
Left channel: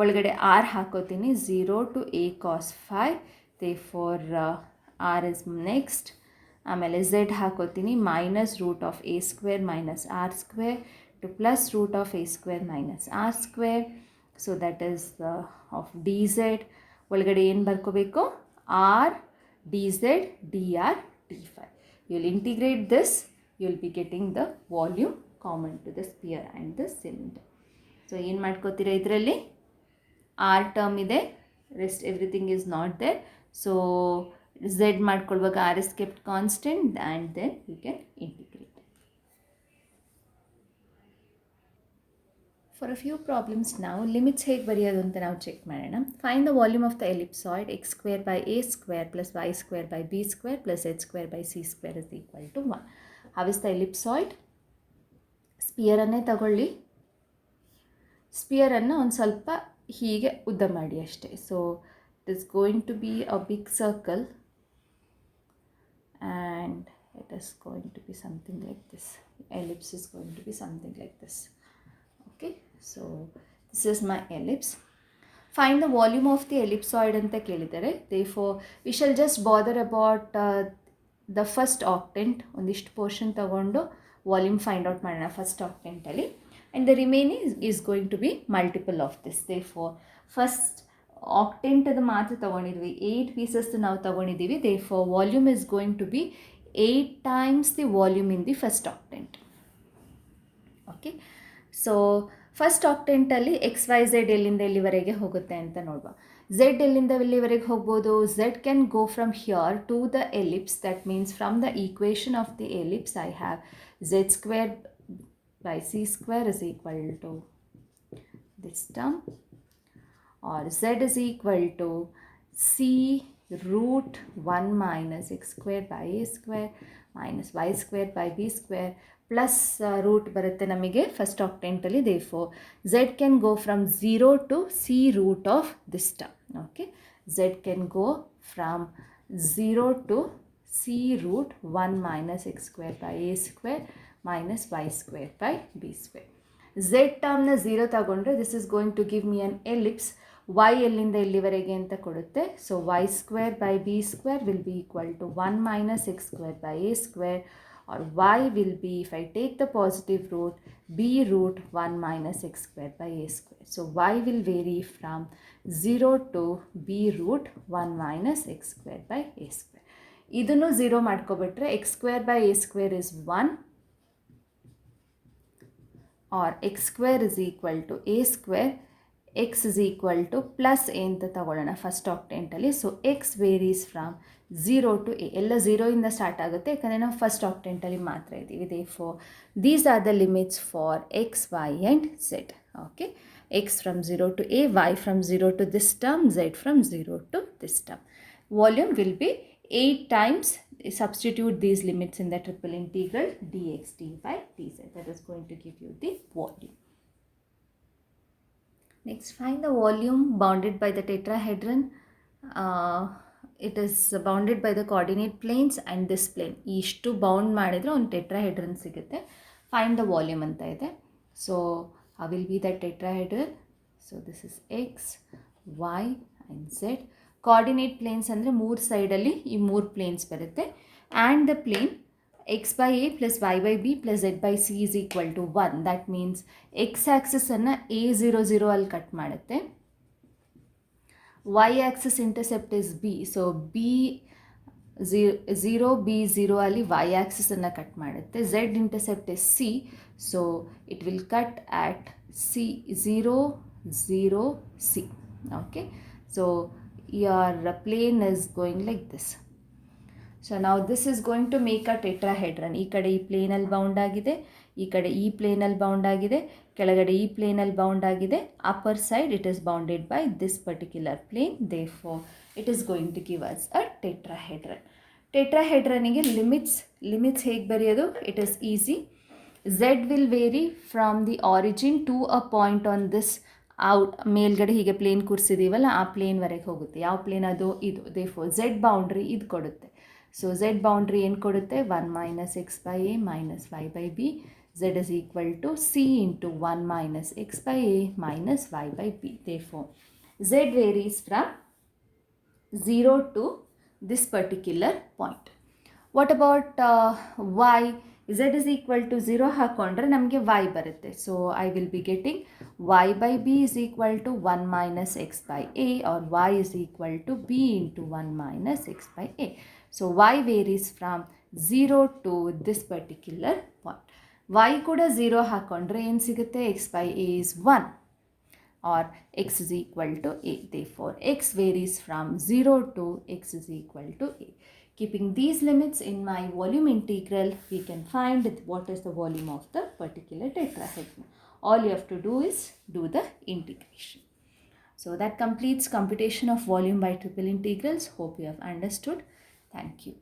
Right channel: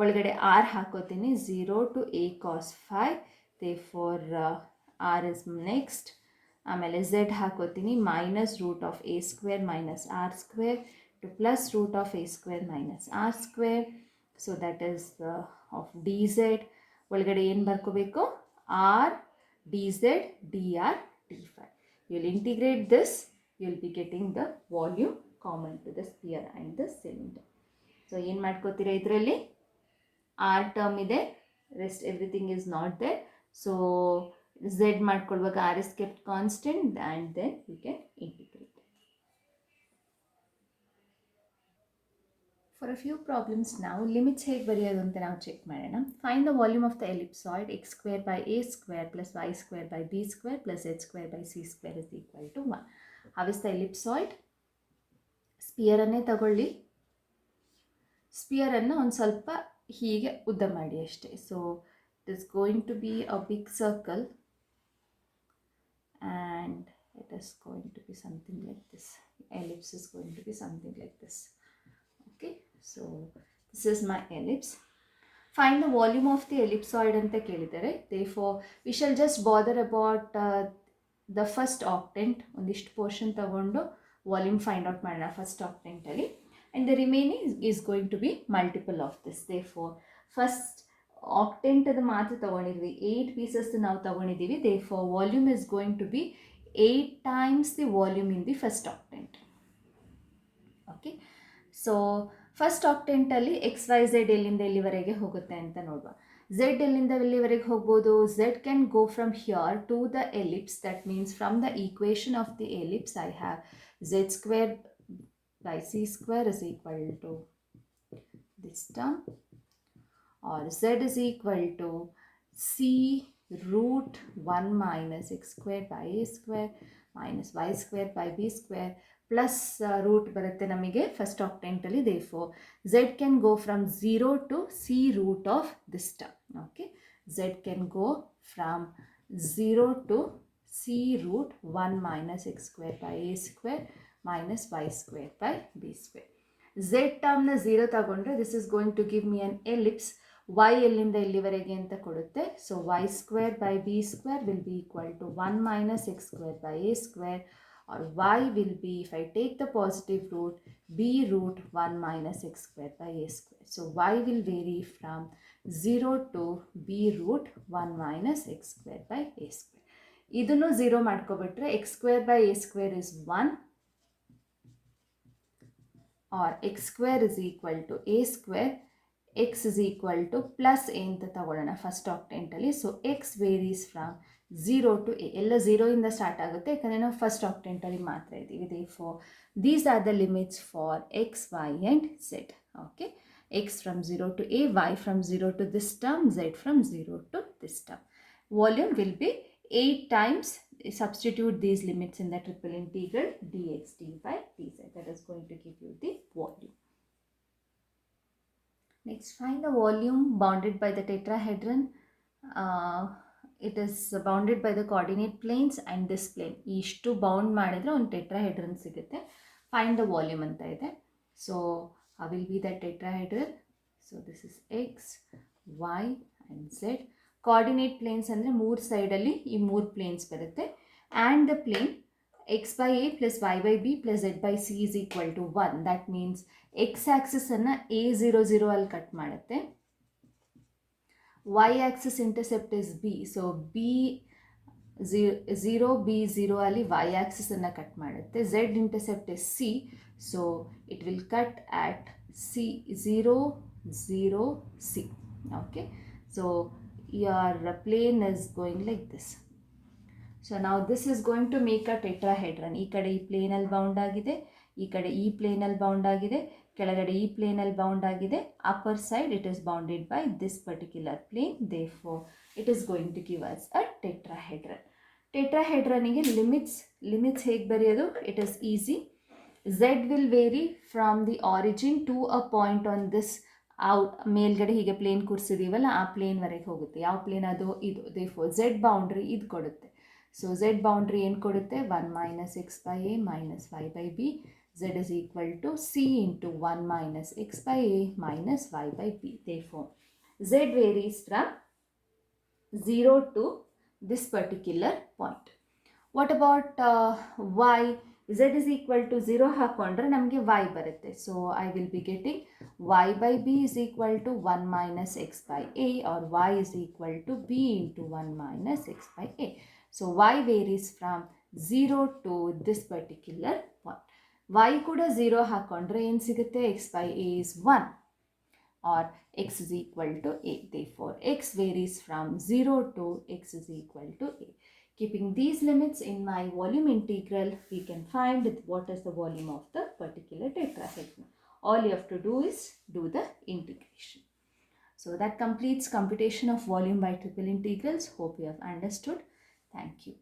ಒಳಗಡೆ r ಹಾಕೋತೀನಿ, 0 to a cos phi. Therefore r is next. ಆಮೇಲೆ z ಹಾಕೋತೀನಿ, minus root of a square minus R square to plus root of a square minus R square. So that is of d z. ಒಳಗಡೆ ಏನು ಬರ್ಕೋಬೇಕು? R d z d r d phi. You will integrate this, you will be getting the volume common to the sphere and the cylinder. So ಏನು ಮಾಡ್ಕೋತೀರಾ ಇದರಲ್ಲಿ? R term ಇದೆ, rest everything is not there. So z ಮಾಡ್ಕೊಳ್ವಾಗ r is kept constant and then you can integrate. For a few problems now, limits ಹೇಗೆ ಬರೆಯೋದು ಅಂತ ನಾವು check ಮಾಡೋಣ. Find the volume of the ellipsoid x square by a square plus y square by b square plus z square by c square is equal to 1. How is the ellipsoid? ಸ್ಪಿಯರನ್ನೇ ತಗೊಳ್ಳಿ, ಸ್ಪಿಯರನ್ನು ಒಂದು ಸ್ವಲ್ಪ ಹೀಗೆ ಉದ್ದ ಮಾಡಿ ಅಷ್ಟೇ. So it is going to be a big circle and it is going to be something like this. Ellipse is going to be something like this. Okay, so this is my ellipse. Find the volume of the ellipsoid anta kelidare. Therefore we shall just bother about the first octant. Ondishtu portion tagondo volume find out madana first octant alli, and the remaining is going to be multiple of this. Therefore first octant ಅದು ಮಾತ್ರ ತಗೊಂಡಿದ್ವಿ, 8 pieces ನಾವು ತಗೊಂಡಿದ್ದೀವಿ. Therefore volume is going to be 8 times the volume in the first octant. Okay, so first ಆಕ್ಟೆಂಟಲ್ಲಿ x Y z ಎಲ್ಲಿಂದ ಎಲ್ಲಿವರೆಗೆ ಹೋಗುತ್ತೆ ಅಂತ ನೋಡುವ. ಝೆಡ್ ಎಲ್ಲಿಂದ ಎಲ್ಲಿವರೆಗೆ ಹೋಗ್ಬೋದು? Z can go from here to the ellipse. That means from the equation of the ellipse I have z square by c square is equal to this term, or z is equal to c root 1 minus x square by a square minus y square by b square plus root ಬರುತ್ತೆ ನಮಗೆ first ಆಕ್ಟೆಂಟಲ್ಲಿ. ದೇರ್ಫೋರ್ z can go from 0 to c root of this term. Okay, z can go from 0 to c root 1 minus x square by a square minus y square by b square. z ಟರ್ಮ್ನ 0 ತಗೊಂಡ್ರೆ this is going to give me an ellipse. y ಎಲ್ಲಿಂದ ಎಲ್ಲಿವರೆಗೆ ಅಂತ ಕೊಡುತ್ತೆ. ಸೊ y square by b square will be equal to 1 minus x square by a square, or y will be, if I take the positive root, b root 1 minus x square by a square. So y will vary from 0 to b root 1 minus x square by a square. ಇದನ್ನು 0 ಮಾಡ್ಕೊಬಿಟ್ರೆ x square by a square is 1, or x square is equal to a square. x is equal to plus a ಅಂತ ತಗೊಳ್ಳೋಣ first ಆಕ್ಟೆಂಟಲ್ಲಿ. ಸೊ x varies from 0 to a ಎಲ್ಲ 0 ಇಂದ start ಆಗುತ್ತೆ ಯಾಕಂದರೆ ನಾವು ಫಸ್ಟ್ ಆಕ್ಟೆಂಟಲ್ಲಿ ಮಾತ್ರ ಇದ್ದೀವಿ. therefore these are the limits for x, y and z. okay, x from 0 to a, y from 0 to this term, z from 0 to this term. Volume will be 8 times, substitute these limits in the triple integral dx dy dz. That is going to give you the volume. Next, find the volume bounded by the tetrahedron. It is bounded by the coordinate planes and this plane. ಇಷ್ಟು bound ಮಾಡಿದರೆ ಒಂದು tetrahedron ಸಿಗುತ್ತೆ. Find the volume ಅಂತ ಇದೆ. So how will be that tetrahedron? So this is x, y and z. coordinate planes ಅಂದರೆ ಮೂರು ಸೈಡಲ್ಲಿ ಈ ಮೂರು ಪ್ಲೇನ್ಸ್ ಬರುತ್ತೆ. And the plane x by a plus y by b plus z by c is equal to 1. That means x axis ಅನ್ನು a00 ಅಲ್ಲಿ cut ಮಾಡುತ್ತೆ. y axis intercept is b. So b 0 b 0 ಅಲ್ಲಿ y axis ಅನ್ನು cut ಮಾಡುತ್ತೆ. z intercept is c. So it will cut at c 0 0 c. okay, so your plane is going like this. So now this is going to make a tetrahedron. ಈ ಕಡೆ ಈ ಪ್ಲೇನಲ್ಲಿ bound ಆಗಿದೆ, ಈ ಕಡೆ ಈ ಪ್ಲೇನಲ್ಲಿ bound ಆಗಿದೆ, ಕೆಳಗಡೆ ಈ ಪ್ಲೇನಲ್ಲಿ ಬೌಂಡ್ ಆಗಿದೆ. Upper side it is bounded by this particular plane. therefore it is going to give us a tetrahedron. ಟೆಟ್ರಾಹೆಡ್ರನಿಗೆ ಲಿಮಿಟ್ಸ್ ಹೇಗೆ ಬರೆಯೋದು? It is easy. z will vary from the origin to a point on this ಮೇಲ್ಗಡೆ ಹೀಗೆ plane ಕೂರಿಸಿದೀವಲ್ಲ ಆ ಪ್ಲೇನ್ವರೆಗೆ ಹೋಗುತ್ತೆ. ಯಾವ plane ಅದು? ಇದು. therefore z ಬೌಂಡ್ರಿ ಇದು ಕೊಡುತ್ತೆ. ಸೊ z ಬೌಂಡ್ರಿ ಏನು ಕೊಡುತ್ತೆ? 1 minus x by a minus y by b. z is equal to c into 1 minus x by a minus y by b. therefore z varies from 0 to this particular point. What about y? z is equal to 0 ಹಾಕೊಂಡ್ರೆ ನಮಗೆ y ಬರುತ್ತೆ. So I will be getting y by b is equal to 1 minus x by a, or y is equal to b into 1 minus x by a. So y varies from 0 to this particular point. y ಕೂಡ 0 ಹಾಕೊಂಡ್ರೆ ಏನು ಸಿಗುತ್ತೆ? x by a is 1 or x is equal to a. therefore x varies from 0 to x is equal to a. Keeping these limits in my volume integral, we can find what is the volume of the particular tetrahedron. All you have to do is do the integration. So that completes computation of volume by triple integrals. Hope you have understood. Thank you.